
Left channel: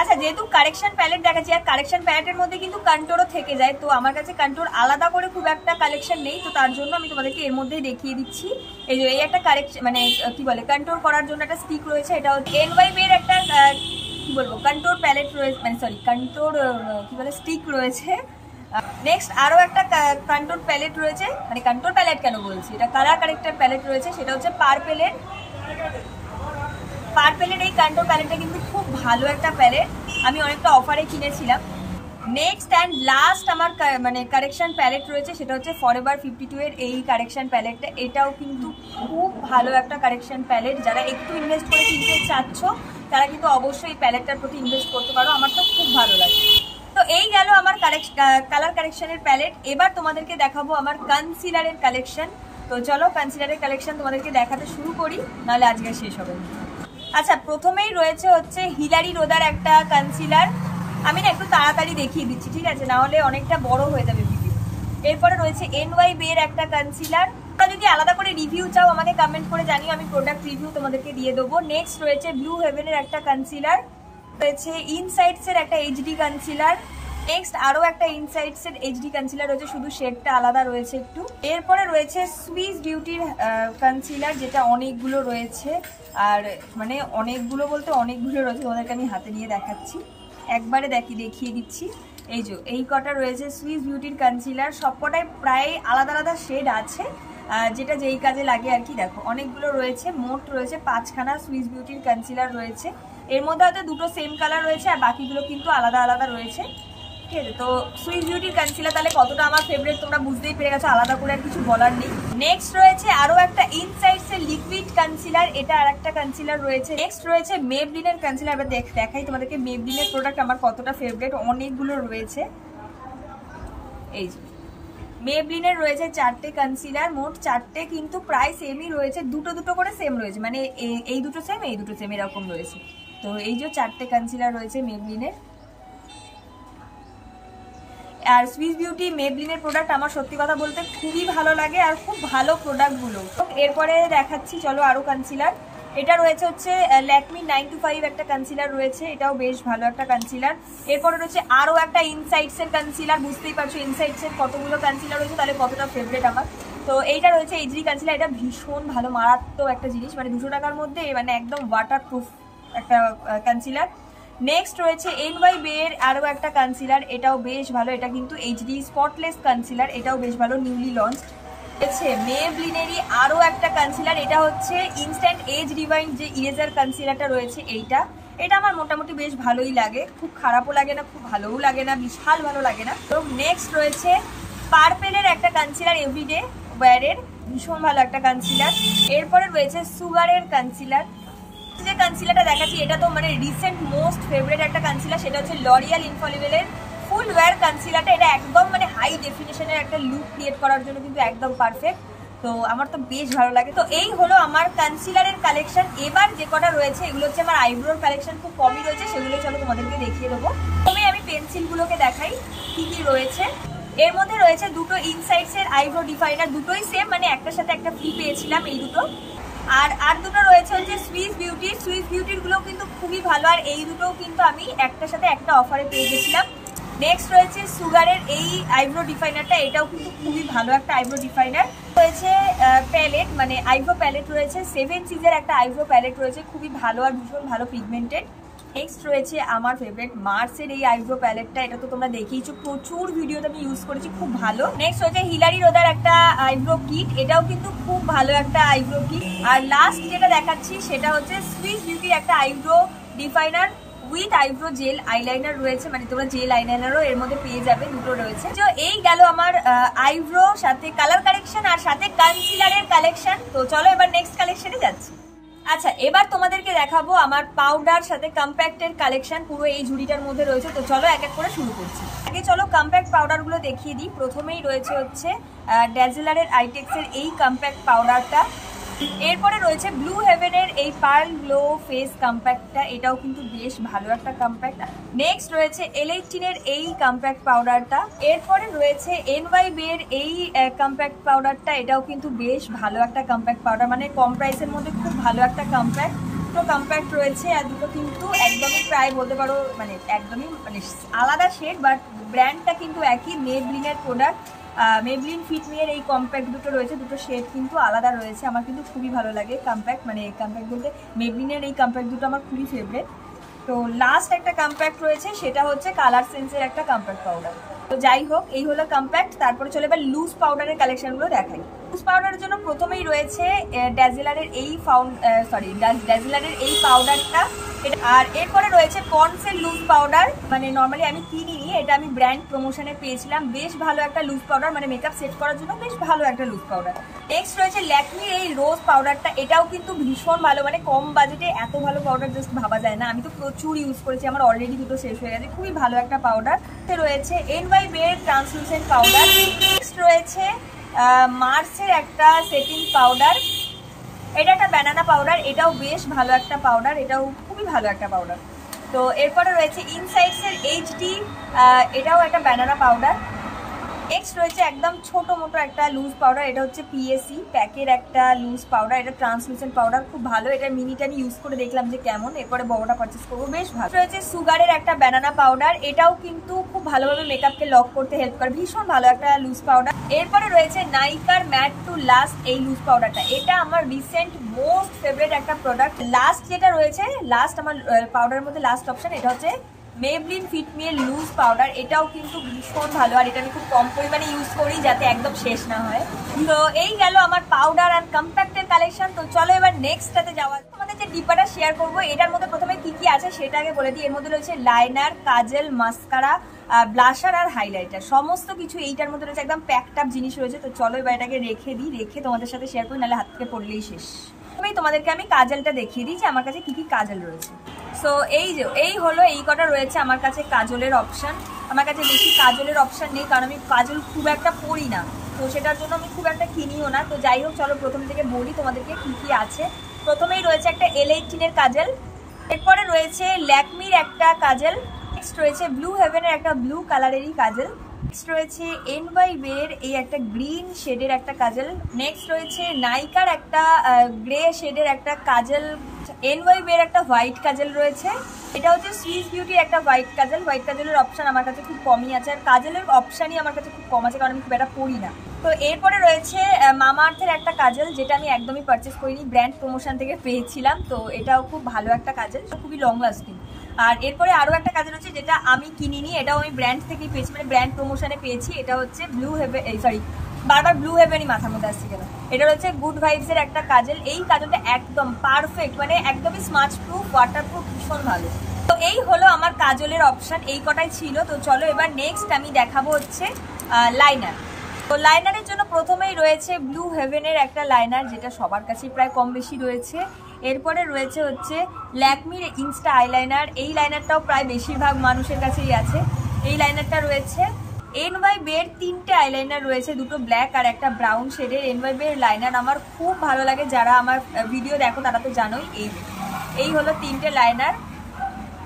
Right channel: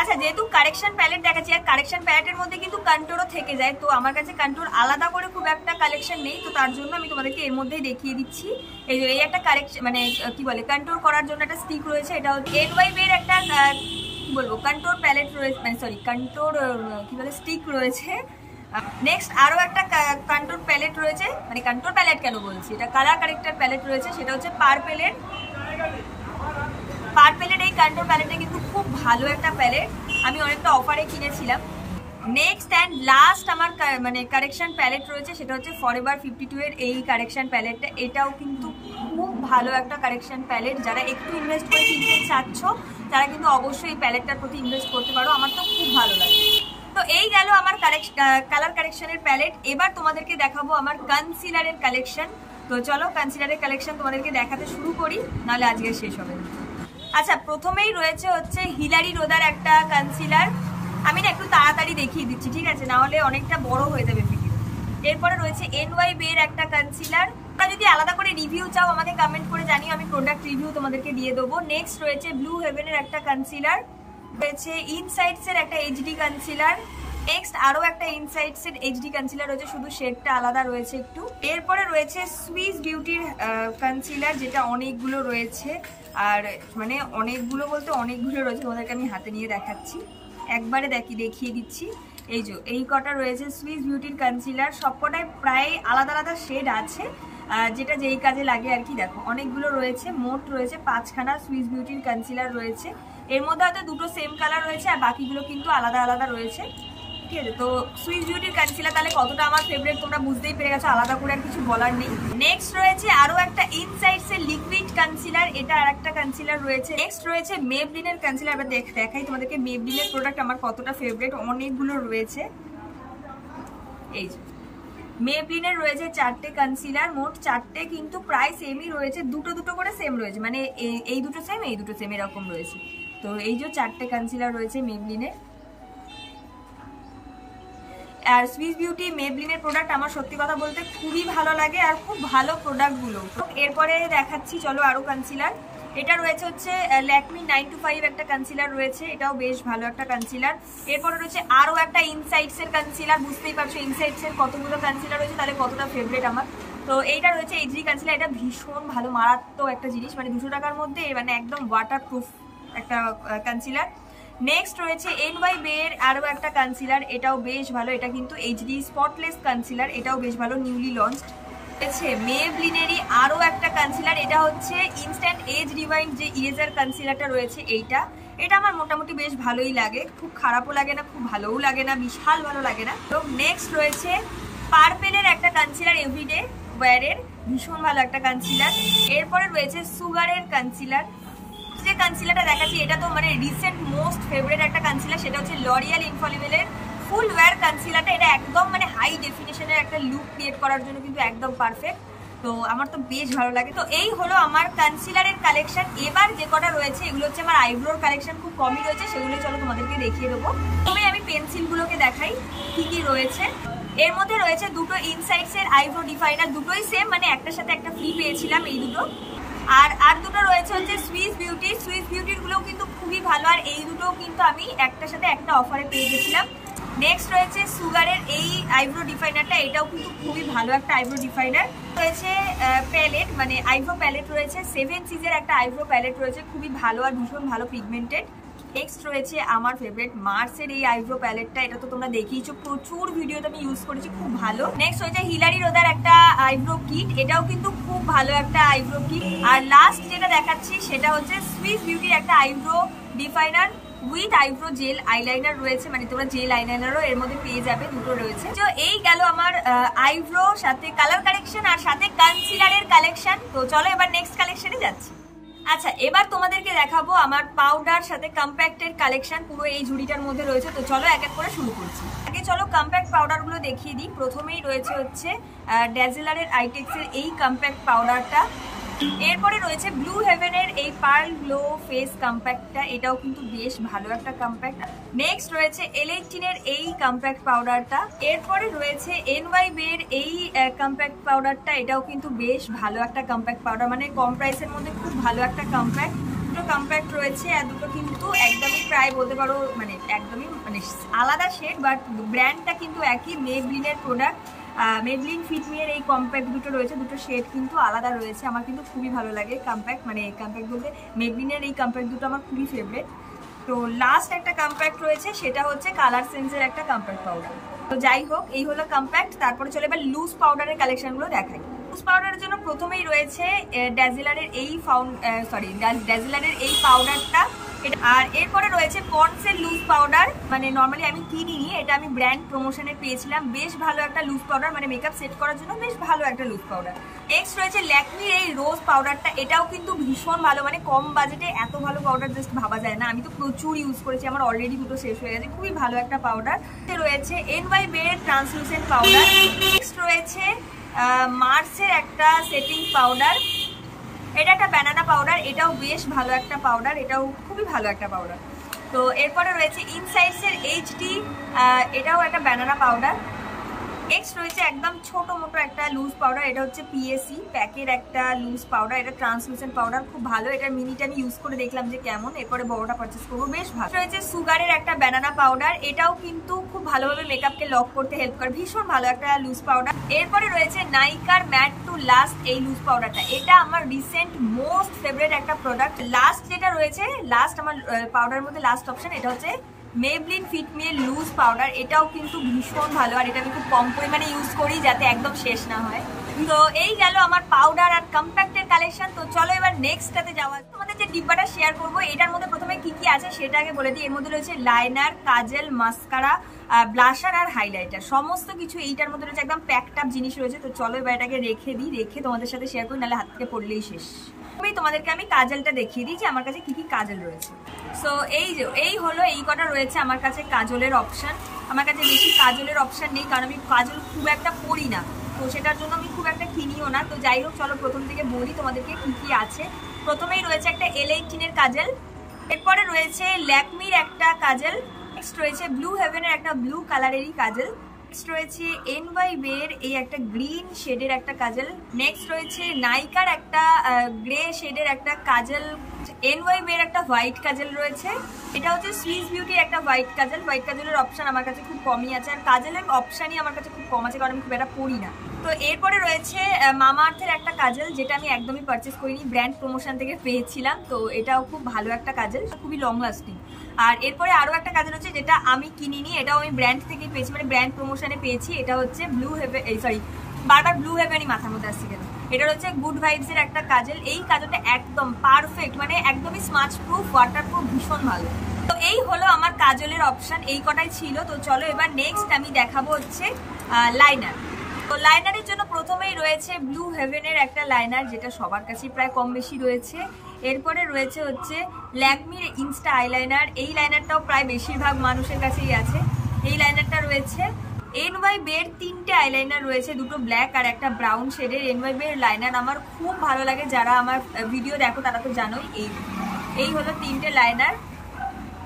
আচ্ছা, যেহেতু কারেকশন প্যালেট দেখাচ্ছি, আর কারেকশন প্যালেটের মধ্যে কিন্তু কন্ট্রোরও থেকে যায়, তো আমার কাছে কন্ট্রোর আলাদা করে খুব একটা কালেকশন নেই, তো তার জন্য আমি তোমাদেরকে এর মধ্যেই দেখিয়ে দিচ্ছি। এই একটা কারেকশন, মানে কি বলে, কন্ট্রোর করার জন্য একটা স্টিক রয়েছে। এটা হচ্ছে NYB এর একটা কি বলবো কন্ট্রোর প্যালেট রয়েছে, মানে সরি কন্ট্রোর কি বলে স্টিক রয়েছে। নেক্সট আরো একটা কন্ট্রোর প্যালেট রয়েছে, মানে কন্ট্রোর প্যালেট কেন বলছি, এটা কালার কারেক্টর প্যালেট রয়েছে। সেটা হচ্ছে পার্পেলের এই কন্ট্রোর প্যালেটটা কিন্তু খুব ভালো একটা প্যালেট, আমি অনেকটা অফারে কিনেছিলাম। নেক্সট অ্যান্ড লাস্ট আমার মানে কারেকশন প্যালেট রয়েছে, সেটা হচ্ছে ফরএভার 52 এর এই কারেকশন প্যালেটটা। এটাও কিন্তু খুব ভালো একটা কারেকশন প্যালেট, যারা একটু ইনভেস্ট করে কিনতে চাচ্ছ তারা কিন্তু অবশ্যই এই প্যালেটটার প্রতি ইনভেস্ট করতে পারো, আমার তো খুব ভালো লাগে। তো এই গেল আমার কালার কারেকশনের প্যালেট। এবার তোমাদেরকে দেখাবো আমার কনসিলারের কালেকশন। তো চলো কনসিলারের কালেকশন তোমাদেরকে দেখাতে শুরু করি, নাহলে আজকে শেষ হবে। আচ্ছা, প্রথমেই রয়েছে হচ্ছে হিলারি রোদার একটা কনসিলার। আমি না একটু তাড়াতাড়ি দেখিয়ে দিচ্ছি, ঠিক আছে, না হলে অনেকটা বড় হয়ে যাবে ভিডিও। এরপরে রয়েছে NYB এর একটা কনসিলার। তোমরা যদি আলাদা করে রিভিউ চাও আমাকে কমেন্ট করে জানিও, আমি প্রোডাক্ট রিভিউ তোমাদেরকে দিয়ে দেবো। নেক্সট রয়েছে ব্লু হেভেনের একটা কনসিলার, রয়েছে ইনসাইডস এর একটা HD কনসিলার। নেক্সট আরো একটা ইনসাইডস এর HD কনসিলার রয়েছে, শুধু শেডটা আলাদা রয়েছে একটু। এরপরে রয়েছে সুইস বিউটির কনসিলার, যেটা অনেকগুলো রয়েছে, আর মানে অনেকগুলো বলতে অনেকগুলো রয়েছে, তোমাদেরকে আমি হাতে নিয়ে দেখাচ্ছি, একবারে দেখিয়ে দিচ্ছি। এই কটা রয়েছে সুইস বিউটির কনসিলার, সবকটাই প্রায় আলাদা আলাদা শেড আছে, যেটা যেই কাজে লাগে আর কি। দেখো অনেকগুলো রয়েছে, মোট রয়েছে 5খানা সুইস বিউটির কনসিলার রয়েছে। এর মধ্যে হয়তো দুটো সেম কালার রয়েছে, আর বাকিগুলো কিন্তু আলাদা আলাদা রয়েছে, ঠিক আছে। তো সুইস বিউটির কনসিলার তাহলে কতটা আমার ফেভারিট তোমরা বুঝতেই পেরে গেছো, আলাদা করে আর কিছু বলার নেই। নেক্সট রয়েছে আরো একটা ইনসাইডস এর লিকুইড কনসিলার, এটা আর একটা কনসিলার রয়েছে। নেক্সট রয়েছে মেবলিনের কনসিলার। এবার দেখাই তোমাদেরকে মেবলিনের প্রোডাক্ট আমার কতটা ফেভারিট, অনেকগুলো রয়েছে। এই যে মেবলিনের রয়েছে 4টে কনসিলার, মোট 4টে, কিন্তু প্রায় সেমই রয়েছে, দুটো দুটো করে সেম রয়েছে, মানে এই দুটো সেম এই দুটো সেম এরকম রয়েছে। তো এই যে 4টে কনসিলার রয়েছে মেবলিনের। আর সুইস বিউটি মেবলিনের প্রোডাক্ট আমার সত্যি কথা বলতে খুবই ভালো লাগে, আর খুব ভালো প্রোডাক্টগুলো। এরপরে দেখাচ্ছি চলো আরো কনসিলার। এটা রয়েছে হচ্ছে ল্যাকমি 925 একটা কনসিলার রয়েছে, এটাও বেশ ভালো একটা কনসিলার। এরপরে রয়েছে আরো একটা ইনসাইডস এর কনসিলার, বুঝতেই পারছো ইনসাইডস এর কতগুলো কনসিলার রয়েছে, তাহলে কতটা ফেভারিট আমার। তো এইটা রয়েছে HD কনসিলার, এটা ভীষণ ভালো মারাত্মক একটা জিনিস, মানে 200 টাকার মধ্যে মানে একদম ওয়াটারপ্রুফ একটা কনসিলার। নেক্সট রয়েছে NYB এর আরো একটা কনসিলার, এটাও বেশ ভালো, এটা কিন্তু HD স্পটলেস কনসিলার, এটাও বেশ ভালো, নিউলি লঞ্চ। রয়েছে মেবলিনেরই আরো একটা কনসিলার, এটা হচ্ছে ইনস্ট্যান্ট এজ রিভাইন্ড যে ইরেজার কনসিলারটা রয়েছে এটা আমার মোটামুটি বেশ ভালোই লাগে, খুব খারাপও লাগে না, খুব ভালোও লাগে না, বিশাল ভালো লাগে না। তো নেক্সট রয়েছে পার্পেলের একটা কনসিলার, এভরিডে ওয়্যারের, ভীষণ ভালো একটা কনসিলার। এরপরে রয়েছে সুগারের কনসিলার। যে কনসিলারটা দেখাচ্ছি এটা তো মানে রিসেন্ট মোস্ট ফেভারিট একটা কনসিলার, সেটা হচ্ছে লরিয়াল ইনফলিবেলের ফুল ওয়্যার কনসিলারটা। এটা একদম মানে হাই ডেফিনেশনের একটা লুক ক্রিয়েট করার জন্য কিন্তু একদম পারফেক্ট, তো আমার তো বেশ ভালো লাগে। তো এই হলো আমার কনসিলারের কালেকশন। এবার যে কটা রয়েছে এগুলো হচ্ছে আমার আইব্রোর কালেকশন, খুব কমই রয়েছে, সেগুলো চলো তোমাদেরকে দেখিয়ে দেবো। তবে আমি পেন্সিলগুলোকে দেখাই কি কি রয়েছে। এর মধ্যে রয়েছে দুটো ইনসাইডস এর আইব্রো ডিফাইনার, দুটোই সেম, মানে একটার সাথে একটা ফ্রি পেয়েছিলাম এই দুটো। আর দুটো রয়েছে হচ্ছে সুইস বিউটির গুলো কিন্তু খুবই ভালো, আর এই দুটোও কিন্তু আমি একটার সাথে একটা অফারে পেয়ে গেছিলাম। নেক্সট রয়েছে সুগারের এই আইব্রো ডিফাইনারটা, এটাও কিন্তু খুবই ভালো একটা আইব্রো ডিফাইনার। রয়েছে প্যালেট, মানে আইব্রো প্যালেট রয়েছে, 7 সিজের একটা আইব্রো প্যালেট রয়েছে, খুবই ভালো আর ভীষণ ভালো পিগমেন্টেড। নেক্সট রয়েছে আমার ফেভারিট মার্সের এই আইব্রো প্যালেটটা, এটা তো তোমরা দেখেইছো, প্রচুর ভিডিওতে আমি ইউজ করেছি, খুব ভালো। নেক্সট রয়েছে হিলারি রোদার একটা আইব্রো কিট, এটাও কিন্তু খুব ভালো একটা আইব্রো কিট। আর লাস্ট যেটা দেখাচ্ছি সেটা হচ্ছে সুইস বিউটির একটা eyebrow definer with eyebrow gel eyeliner রয়েছে, মানে তোমরা জেল আইলাইনারও এর মধ্যে পেয়ে যাবে, দুটো রয়েছে। তো এই গেল আমার আইব্রো সাথে কালার কালেকশন আর সাথে কনসিলারের কালেকশন। তো চলো এবার নেক্সট কালেকশনে যাচ্ছি। আচ্ছা, এবার তোমাদেরকে দেখাবো আমার পাউডার সাথে কম্প্যাক্টের কালেকশন, পুরো এই ঝুড়িটার মধ্যে রয়েছে। তো চলো এক এক করে শুরু করছি। আগে চলো কম্প্যাক্ট পাউডার গুলো দেখিয়ে দিই। প্রথমেই রয়েছে হচ্ছে ড্যাজেলারের আইটেক্সের এই কম্প্যাক্ট পাউডারটা। এরপরে রয়েছে ব্লু হেভেনের এই পার্ল গ্লো ফেস কম্প্যাক্টটা, এটাও কিন্তু বেশ ভালো একটা কম্প্যাক্ট। নেক্সট রয়েছে L18 এর এই কম্প্যাক্ট পাউডারটা। এরপরে রয়েছে NYB এর এই কম্প্যাক্ট পাউডারটা, এটাও কিন্তু বেশ ভালো একটা কম্প্যাক্ট পাউডার, মানে কম প্রাইসের মধ্যে খুব ভালো একটা কম্প্যাক্ট। দুটো কম্প্যাক্ট রয়েছে আর দুটো কিন্তু একদমই প্রায় বলতে পারো মানে একদমই মানে আলাদা শেড, বাট ব্র্যান্ডটা কিন্তু একই, মেবলিনের প্রোডাক্ট। মেবলিন ফিটমি এর এই কম্প্যাক্ট দুটো রয়েছে, দুটো শেড কিন্তু আলাদা রয়েছে, আমার কিন্তু খুবই ভালো লাগে কম্প্যাক্ট, মানে কম্প্যাক্ট বলতে মেবলিনের এই কম্প্যাক্ট দুটো আমার খুবই ফেভারিট। তো লাস্ট একটা কম্প্যাক্ট রয়েছে, সেটা হচ্ছে কালার সেন্সের একটা কম্প্যাক্ট পাউডার। তো যাই হোক, এই হলো কম্প্যাক্ট। তারপরে চলে এবার লুজ পাউডারের কালেকশনগুলো দেখাই। লুজ পাউডারের জন্য প্রথমেই রয়েছে ড্যাজেলারের এই পাউডারটা, আর এরপরে রয়েছে পন্ডসের লুজ পাউডার, মানে নর্মালি আমি কিনিনি, এটা আমি ব্র্যান্ড প্রমোশনে পেয়েছিলাম, বেশ ভালো একটা লুজ পাউডার, মানে মেকআপ সেট করার জন্য বেশ ভালো একটা লুজ পাউডার। নেক্সট রয়েছে ল্যাকমির এই রোজ পাউডারটা, এটাও কিন্তু ভীষণ ভালো, মানে কম বাজেটে এত ভালো পাউডার জাস্ট ভাবা যায় না, আমি তো প্রচুর ইউজ করেছি, আমার অলরেডি দুটো শেষ হয়ে গেছে, খুবই ভালো একটা পাউডার। রয়েছে NYB এর ট্রান্সলুসেন্ট পাউডার। নেক্সট রয়েছে মার্সের একটা সেটিং পাউডার, এটা একটা ব্যানানা পাউডার, এটাও বেশ ভালো একটা পাউডার, এটাও খুবই ভালো একটা পাউডার। তো এরপরে রয়েছে ইনসাইডস এর HD, এটাও একটা ব্যানানা পাউডার। নেক্সট রয়েছে একদম ছোট মোটো একটা লুজ পাউডার, এটা হচ্ছে PSE প্যাকের একটা লুজ পাউডার, এটা ট্রান্সলুসেন্ট পাউডার, খুব ভালো, এটার মিনিটা আমি ইউজ করে দেখলাম যে কেমন, এরপরে বড়টা পারচেস করবো, বেশ ভালো। রয়েছে সুগারের একটা ব্যানানা পাউডার, এটাও কিন্তু খুব ভালোভাবে মেকআপকে লক করতে হেল্প করে, ভীষণ ভালো একটা লুজ পাউডার। এরপরে রয়েছে নাইকার ম্যাট টু লাস্ট এই লুজ পাউডারটা, এটা আমার রিসেন্ট মোস্ট ফেভারিট একটা প্রোডাক্ট। লাস্ট যেটা রয়েছে, লাস্ট আমার পাউডারের মধ্যে লাস্ট অপশন, এটা হচ্ছে মেবলিন ফিটমি এর লুজ পাউডার, এটাও কিন্তু ভীষণ ভালো, আর এটা আমি খুব কম পরিমাণে ইউজ করি যাতে একদম শেষ না হয়। তো এই গেল আমার পাউডার আর কম্প্যাক্টের কালেকশন। তো চলো এবার নেক্সটটাতে যাওয়া। তোমাদের যে ডিব্বাটা শেয়ার করবো, এটার মধ্যে প্রথমে কি কি আছে সেটা আগে বলে দিই। এর মধ্যে রয়েছে লাইনার, কাজেল, মাস্কারা, ব্লাশার আর হাইলাইটার, সমস্ত কিছু এইটার মধ্যে রয়েছে, একদম প্যাকড আপ জিনিস রয়েছে। তো চলো এবার এটাকে রেখে দিই, রেখে তোমাদের সাথে শেয়ার করি, নাহলে হাত থেকে পড়লেই শেষ। তোমাদেরকে আমি কাজলটা দেখিয়ে দিই যে আমার কাছে কি কি কাজল রয়েছে। সো এই হলো এই কটা রয়েছে আমার কাছে কাজলের অপশন। আমার কাছে বেশি কাজলের অপশন নেই, কারণ আমি কাজল খুব একটা পরি না, তো সেটার জন্য আমি খুব একটা কিনিও না। তো যাই হোক, চলো প্রথম থেকে বলি তোমাদেরকে কি কি আছে। প্রথমেই রয়েছে একটা L18 এর কাজল, এরপরে রয়েছে ল্যাকমির একটা কাজল, নেক্সট রয়েছে ব্লু হেভেনের একটা ব্লু কালারেরই কাজল, নেক্সট রয়েছে NYB এর এই একটা গ্রিন শেডের একটা কাজল, নেক্সট রয়েছে নাইকার একটা গ্রে শেডের একটা কাজল, NYB এর একটা হোয়াইট কাজল রয়েছে, এটা হচ্ছে সুইস বিউটির একটা হোয়াইট কাজল। হোয়াইট কাজলের অপশন আমার কাছে খুব কমই আছে, আর কাজলের অপশনই আমার কাছে খুব কম আছে, কারণ আমি খুব একটা পড়ি না। তো এরপরে রয়েছে মামা আর্থের একটা কাজল, যেটা আমি একদমই পারচেস করিনি, ব্র্যান্ড প্রমোশন থেকে পেয়েছিলাম। তো এটাও খুব ভালো একটা কাজল, খুবই লং লাস্টিং। আর এরপরে আরো একটা কাজল হচ্ছে যেটা আমি কিনিনি, এটাও আমি ব্র্যান্ড থেকেই পেয়েছি, মানে ব্র্যান্ড প্রমোশনে পেয়েছি। এটা হচ্ছে ব্লু হেভেন, সরি বারবার ব্লু হেভেনই মাথার মধ্যে আসছে কেন, এটা হচ্ছে গুড ভাইবস এর একটা কাজল। এই কাজলটা একদম পারফেক্ট, মানে একদমই স্মাচ প্রুফ, ওয়াটার প্রুফ, ভীষণ ভালো। তো এই হলো আমার কাজলের অপশন, এই কটাই ছিল। তো চলো এবার নেক্সট আমি দেখাবো হচ্ছে লাইনার। তো লাইনারের জন্য প্রথমেই রয়েছে ব্লু হেভেনের একটা লাইনার, যেটা সবার কাছেই প্রায় কম বেশি রয়েছে। এরপরে রয়েছে হচ্ছে ল্যাকমির ইনস্টা আইলাইনার, এই লাইনারটাও প্রায় বেশিরভাগ মানুষের কাছেই আছে। এই লাইনারটা রয়েছে NYB এর 3টে আইলাইনার রয়েছে, দুটো ব্ল্যাক আর একটা ব্রাউন শেডের। NYB এর লাইনার আমার খুব ভালো লাগে, যারা আমার ভিডিও দেখো তারা তো জানোই। এই হলো 3টে লাইনার।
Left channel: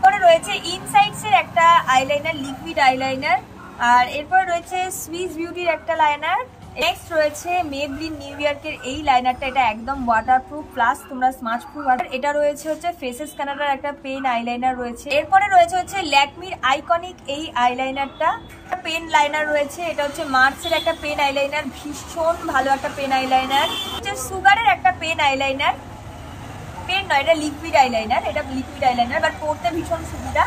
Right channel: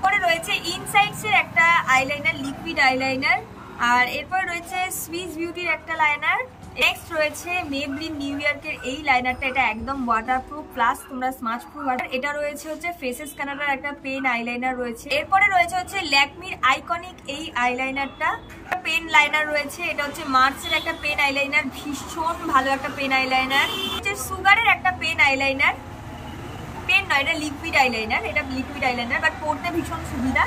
পরে রয়েছে ইনসাইডস এর একটা আইলাইনার, লিকুইড আইলাইনার। আর এরপরে রয়েছে সুইস বিউটির একটা লাইনার। নেক্সট রয়েছে মেবলিন নিউ ইয়র্কের এই লাইনারটা, এটা একদম ওয়াটারপ্রুফ প্লাস তোমরা স্মাচ প্রুফ। এটা রয়েছে হচ্ছে ফেসেস কানাডার একটা পেন আইলাইনার রয়েছে। এরপরে রয়েছে হচ্ছে ল্যাকমির আইকনিক এই আইলাইনারটা, পেন লাইনার রয়েছে। এটা হচ্ছে মার্সের একটা পেন আইলাইনার, ভীষণ ভালো একটা পেন আইলাইনার। হচ্ছে সুগারের একটা পেন আইলাইনার, পেন নয় এটা লিকুইড আইলাইনার, এটা লিকুইড আইলাইনার বাট পড়তে ভীষণ সুবিধা।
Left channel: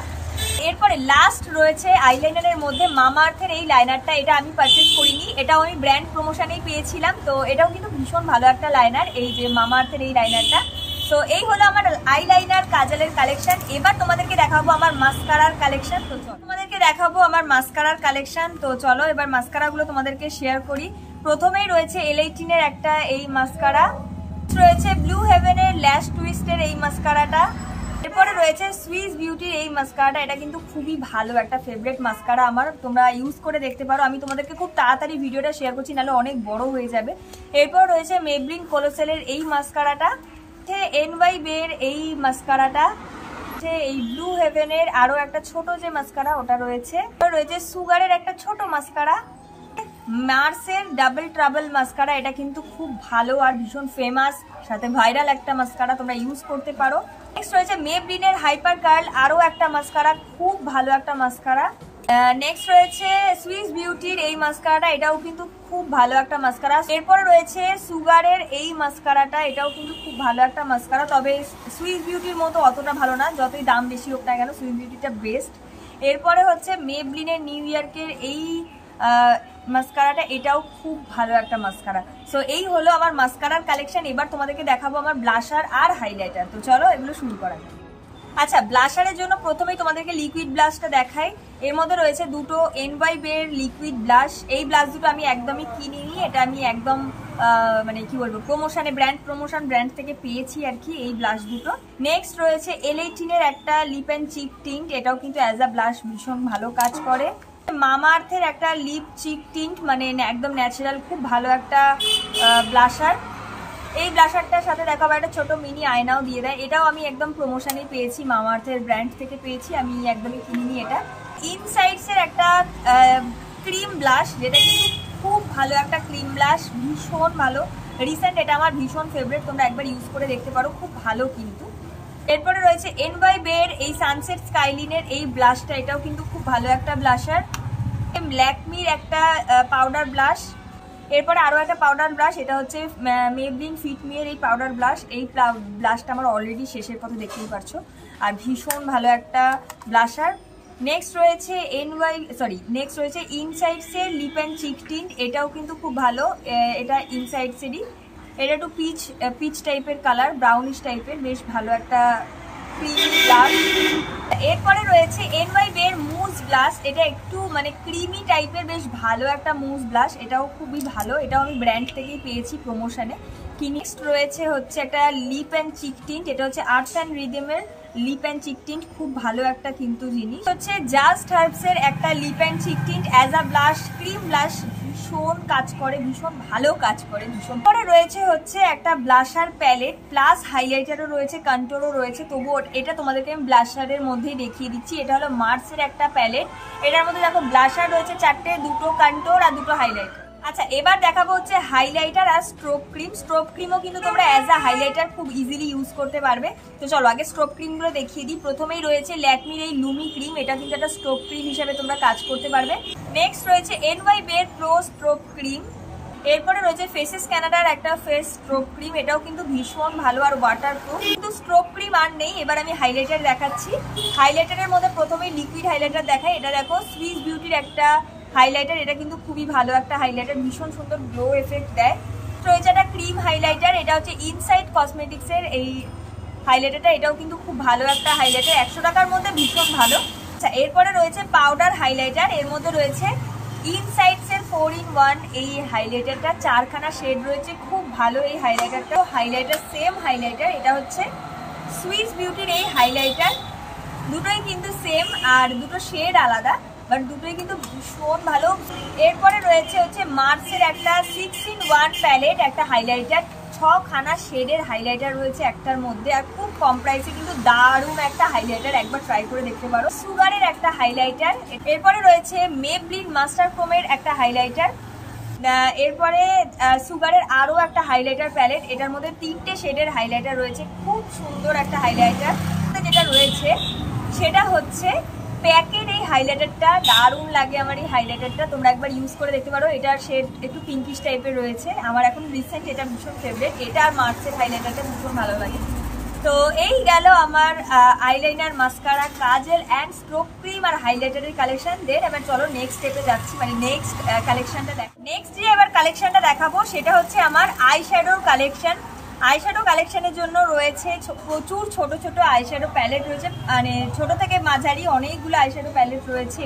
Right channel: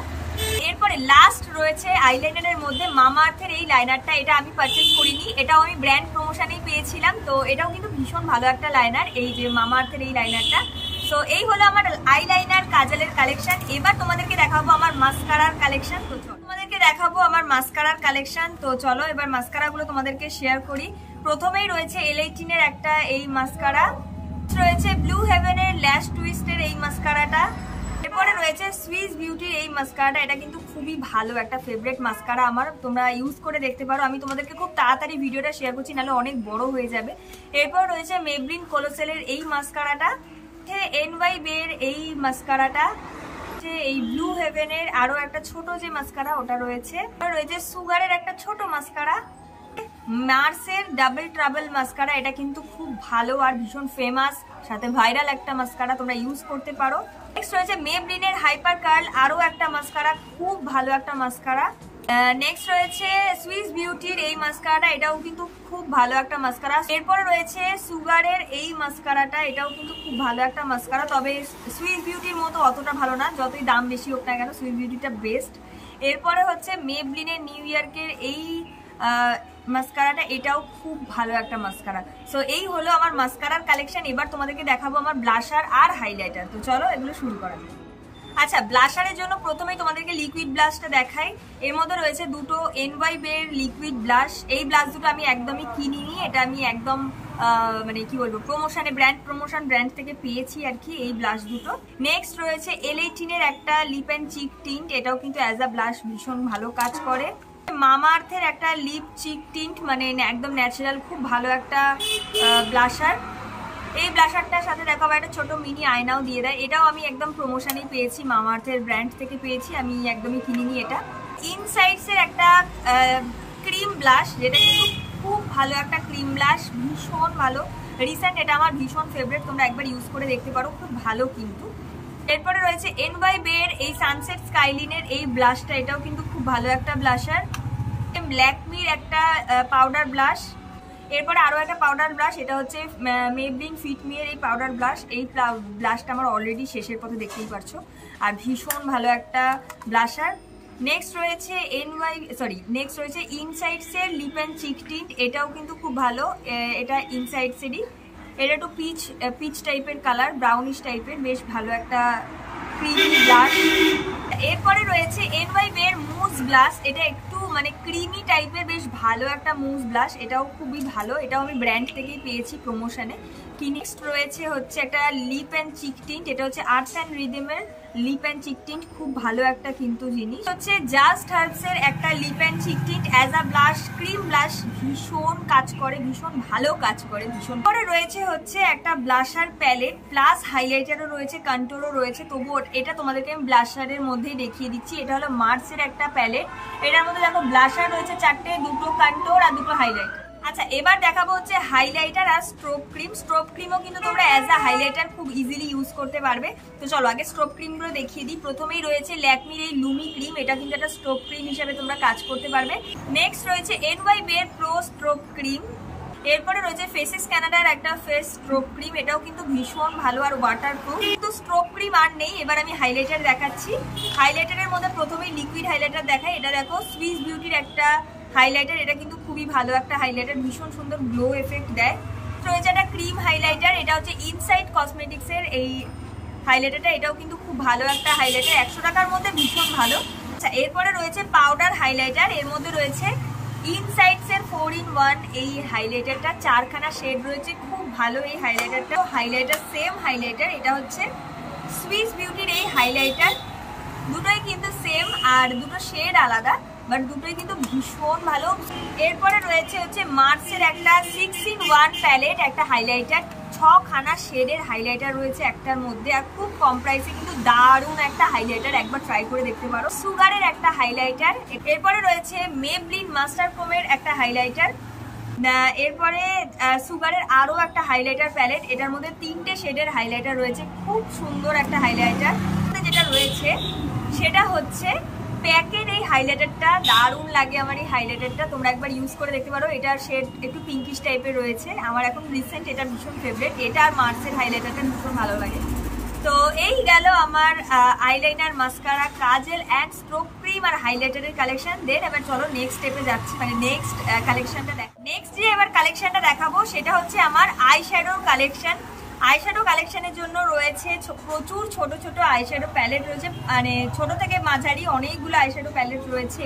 এরপরে লাস্ট রয়েছে আইলাইনারের মধ্যে মামা আর্থের এই লাইনারটা, এটা আমি পারচেজ করিনি, এটাও আমি ব্র্যান্ড প্রমোশনেই পেয়েছিলাম। তো এটাও কিন্তু ভীষণ ভালো একটা লাইনার, এই যে মামা আর্থের এই লাইনারটা। তো এই হলো আমার আইলাইনার কাজলের কালেকশন। এবার তোমাদেরকে দেখাবো আমার মাস্কারার কালেকশন। তো তোমাদেরকে দেখাবো আমার মাস্কারার কালেকশন। তো চলো এবার মাস্কারাগুলো তোমাদেরকে শেয়ার করি। প্রথমেই রয়েছে L18 এর একটা এই মাস্কারা, রয়েছে ব্লু হেভেনের ল্যাশ টুইস্টের এই মাস্কারাটা। এরপরে রয়েছে সুইস বিউটির এই মাস্কারাটা, এটা কিন্তু খুবই ভালো একটা ফেভারিট মাস্কারা আমার, তোমরা ইউজ করে দেখতে পারো। আমি তোমাদেরকে খুব তাড়াতাড়ি ভিডিওটা শেয়ার করছি, নাহলে অনেক বড় হয়ে যাবে। এরপর রয়েছে মেবলিন কোলোসেলের এই মাস্কারাটা, NYB এর এই মাস্কারাটা, এই ব্লু হেভেনের আরো একটা ছোট যে মাস্কারা ওটা রয়েছে। রয়েছে সুগারের একটা ছোট মাস্কারা, মার্সের ডাবল ট্রাবল মাস্কারা, এটা কিন্তু খুব ভালো আর ভীষণ ফেমাস, সাথে ভাইরাল একটা মাস্কারা, তোমরা ইউজ করতে পারো। নেক্সট রয়েছে মেবলিনের হাইপার কার্ল, আরো একটা মাস্কারা, খুব ভালো একটা মাস্কারা। নেক্সট রয়েছে সুইস বিউটির এই মাস্কারাটা, এটাও কিন্তু খুব ভালো একটা মাস্কারা। এরপরে রয়েছে সুগারের এই মাস্কারাটা, এটাও কিন্তু খুব ভালো একটা মাস্কারা, তবে সুইস বিউটির মতো অতটা ভালো না, যতই দাম বেশি হোক না কেন সুইস বিউটিটা বেস্ট। এরপরে হচ্ছে মেবলিনের নিউ ইয়র্কের এই মাস্কারাটা, এটাও খুব ভালো একটা মাস্কারা। সো এই হলো আমার মাস্কারার কালেকশন। এবার তোমাদেরকে দেখাবো আমার ব্লাশার আর হাইলাইটার। তো চলো এগুলো শুরু করা যাক। আচ্ছা, ব্লাশারের জন্য প্রথমেই তোমাদেরকে লিকুইড ব্লাশটা দেখাই। এর মধ্যে রয়েছে দুটো NYB এর লিকুইড ব্লাশ। এই ব্লাশ দুটো আমি একদমই কিনিনি, এটা আমি একদম মানে কি বলবো প্রমোশনে, ব্র্যান্ড থেকে পেয়েছি আর কি এই ব্লাশ দুটো। নেক্সট রয়েছে L18 এর একটা লিপ অ্যান্ড চিক টিন্ট, এটাও কিন্তু অ্যাজ আ ব্লাশ ভীষণ ভালো কাজ করে। মামা আর্থের একটা লিপ চিক টিন্ট, মানে একদম ন্যাচারাল, খুব ভালো একটা ব্লাশার। এই ব্লাশারটার সাথে দেখো আবার একটা ছোট মিনি আয়নাও দিয়ে দেয়, এটাও আমি একদম প্রমোশনেই পেয়েছি, মামা আর্থের ব্র্যান্ড থেকে পেয়েছি, আমি একদমই কিনিনি এটা। ইনসাইডস এর একটা ক্রিম ব্লাশ, যেটা কিন্তু খুব ভালো একটা ক্রিম ব্লাশ, ভীষণ ভালো, রিসেন্ট এটা আমার ভীষণ ফেভারিট, তোমরা একবার ইউজ করে দেখতে পারো, খুব ভালো কিন্তু। এরপরে রয়েছে NYB এর এই সানসেট স্কাইলিনের এই ব্লাশটা, এটাও কিন্তু খুব ভালো একটা ব্লাশার। ল্যাকমির একটা পাউডার ব্লাশ। এরপরে আরো একটা পাউডার ব্লাশ, এটা হচ্ছে মেবলিন ফিট মি এর এই পাউডার ব্লাশ। এই ব্লাশটা আমার অলরেডি শেষের পথে, দেখতেই পারছো, আর ভীষণ ভালো একটা ব্লাশার। নেক্সট রয়েছে নেক্সট রয়েছে ইনসাইডস এর লিপ অ্যান্ড চিক টিন্ট, এটাও কিন্তু খুব ভালো, এটা ইনসাইডস এরই, এটা একটু পিচ টাইপের কালার, ব্রাউনিশ টাইপের, বেশ ভালো একটা ক্রিমি ব্লাশ। এরপরে রয়েছে NYB এর মুজ ব্লাশ, এটা একটু মানে ক্রিমি টাইপের, বেশ ভালো একটা মুজ ব্লাশ, এটাও খুবই ভালো, এটাও আমি ব্র্যান্ড থেকেই পেয়েছি প্রমোশনে। নেক্সট রয়েছে হচ্ছে একটা লিপ অ্যান্ড চিক টিন্ট, এটা হচ্ছে আর্টস অ্যান্ড রিদমের লিপ অ্যান্ড চিক টিন্ট, খুব ভালো একটা কিন্তু জিনিস। হচ্ছে জাস্ট হার্বস এর একটা lip and cheek tint as a blush, cream blush, ভীষণ কাজ করে, ভীষণ ভালো কাজ করে, ভীষণ। পরে রয়েছে হচ্ছে একটা ব্লাশার প্যালেট প্লাস হাইলাইটারও রয়েছে, কন্ট্রোলও রয়েছে, তবুও এটা তোমাদেরকে আমি ব্লাশারের মধ্যেই দেখিয়ে দিচ্ছি। এটা হলো মার্সের একটা প্যালেট, এটার মধ্যে দেখো ব্লাশার রয়েছে 4টে, দুটো কন্ট্রোল আর দুটো হাইলাইটার। আচ্ছা, এবার দেখাবো হচ্ছে হাইলাইটার আর স্ট্রোব ক্রিম। স্ট্রোব ক্রিমও কিন্তু তোমরা অ্যাজ আ হাইলাইটার খুব ইজিলি ইউজ করতে পারবে। তো চলো আগে স্ট্রোব ক্রিমগুলো দেখিয়ে দিই। প্রথমেই রয়েছে ল্যাকমির এই লুমি ক্রিম, এটা কিন্তু একটা স্ট্রোব ক্রিম হিসেবে তোমরা কাজ করতে পারবে। নেক্সট রয়েছে NYB এর প্রো স্ট্রোব ক্রিম, এরপরে রয়েছে ফেসেস ক্যানাডার একটা ফেস স্ট্রোক ক্রিম, এটাও কিন্তু ভীষণ ভালো আর ওয়াটারপ্রুফ। কিন্তু স্ট্রোক ক্রিম আর নেই, এবার আমি হাইলাইটার দেখাচ্ছি। হাইলাইটারের মধ্যে প্রথমেই লিকুইড হাইলাইটার দেখাই। এটা দেখো সুইস বিউটির একটা হাইলাইটার, এটা কিন্তু খুবই ভালো একটা হাইলাইটার, ভীষণ সুন্দর গ্লো এফেক্ট দেয়। রয়েছে একটা ক্রিম হাইলাইটার, এটা হচ্ছে ইনসাইড কসমেটিক্সের এই হাইলাইটারটা, এটাও কিন্তু খুব ভালো একটা হাইলাইটার, 100 টাকার মধ্যে ভীষণ ভালো। আচ্ছা, এরপরে রয়েছে পাউডার হাইলাইটার, এর মধ্যে রয়েছে ইনসাইডস এর 4-in-1 এই হাইলাইটারটা, 4খানা শেড রয়েছে, খুব ভালো এই হাইলাইটারটা। হাইলাইটার সেম হাইলাইটার, এটা হচ্ছে সুইস বিউটির এই হাইলাইটার, দুটোই কিন্তু সেম আর দুটো শেড আলাদা, বাট দুটোই কিন্তু ভীষণ ভালো। এরপরে রয়েছে হচ্ছে মার্সের একটা 6-in-1 প্যালেট, একটা হাইলাইটার, 6খানা শেডের হাইলাইটার রয়েছে একটার মধ্যে, আর খুব কম প্রাইসে কিন্তু দারুণ একটা হাইলাইটার, একবার ট্রাই করে দেখতে পারো। সুগারের একটা হাইলাইটার, এরপরে রয়েছে মেবলিন মাস্টার ক্রোমের একটা হাইলাইটার, এরপরে সুগারের আরো একটা হাইলাইটার প্যালেট, এটার মধ্যে 3টে শেডের হাইলাইটার রয়েছে, খুব সুন্দর একটা হাইলাইটার। যেটা রয়েছে সেটা হচ্ছে প্যাকের এই হাইলাইটারটা, দারুণ লাগে আমার এই হাইলাইটারটা, তোমরা একবার ইউজ করে দেখতে পারো। এটার শেড একটু পিঙ্কিশ টাইপের রয়েছে, আমার এখন রিসেন্ট এটা ভীষণ ফেভারিট, এটা আর মার্সের হাইলাইটারটা ভীষণ ভালো লাগে। তো এই গেল আমার আইলাইনার, মাস্কারা, কাজল অ্যান্ড স্ট্রোক ক্রিম আর হাইলাইটারের কালেকশন। দেন এবার চলো নেক্সট স্টেপে যাচ্ছি, মানে নেক্সট কালেকশনটা দেখ। নেক্সট যে এবার কালেকশনটা দেখাবো সেটা হচ্ছে আমার আইশ্যাডোর কালেকশন। আইশ্যাডো কালেকশনের জন্য রয়েছে প্রচুর ছোট ছোট আইশ্যাডো প্যালেট রয়েছে, মানে ছোট থেকে মাঝারি অনেকগুলো আইশ্যাডো প্যালেট রয়েছে।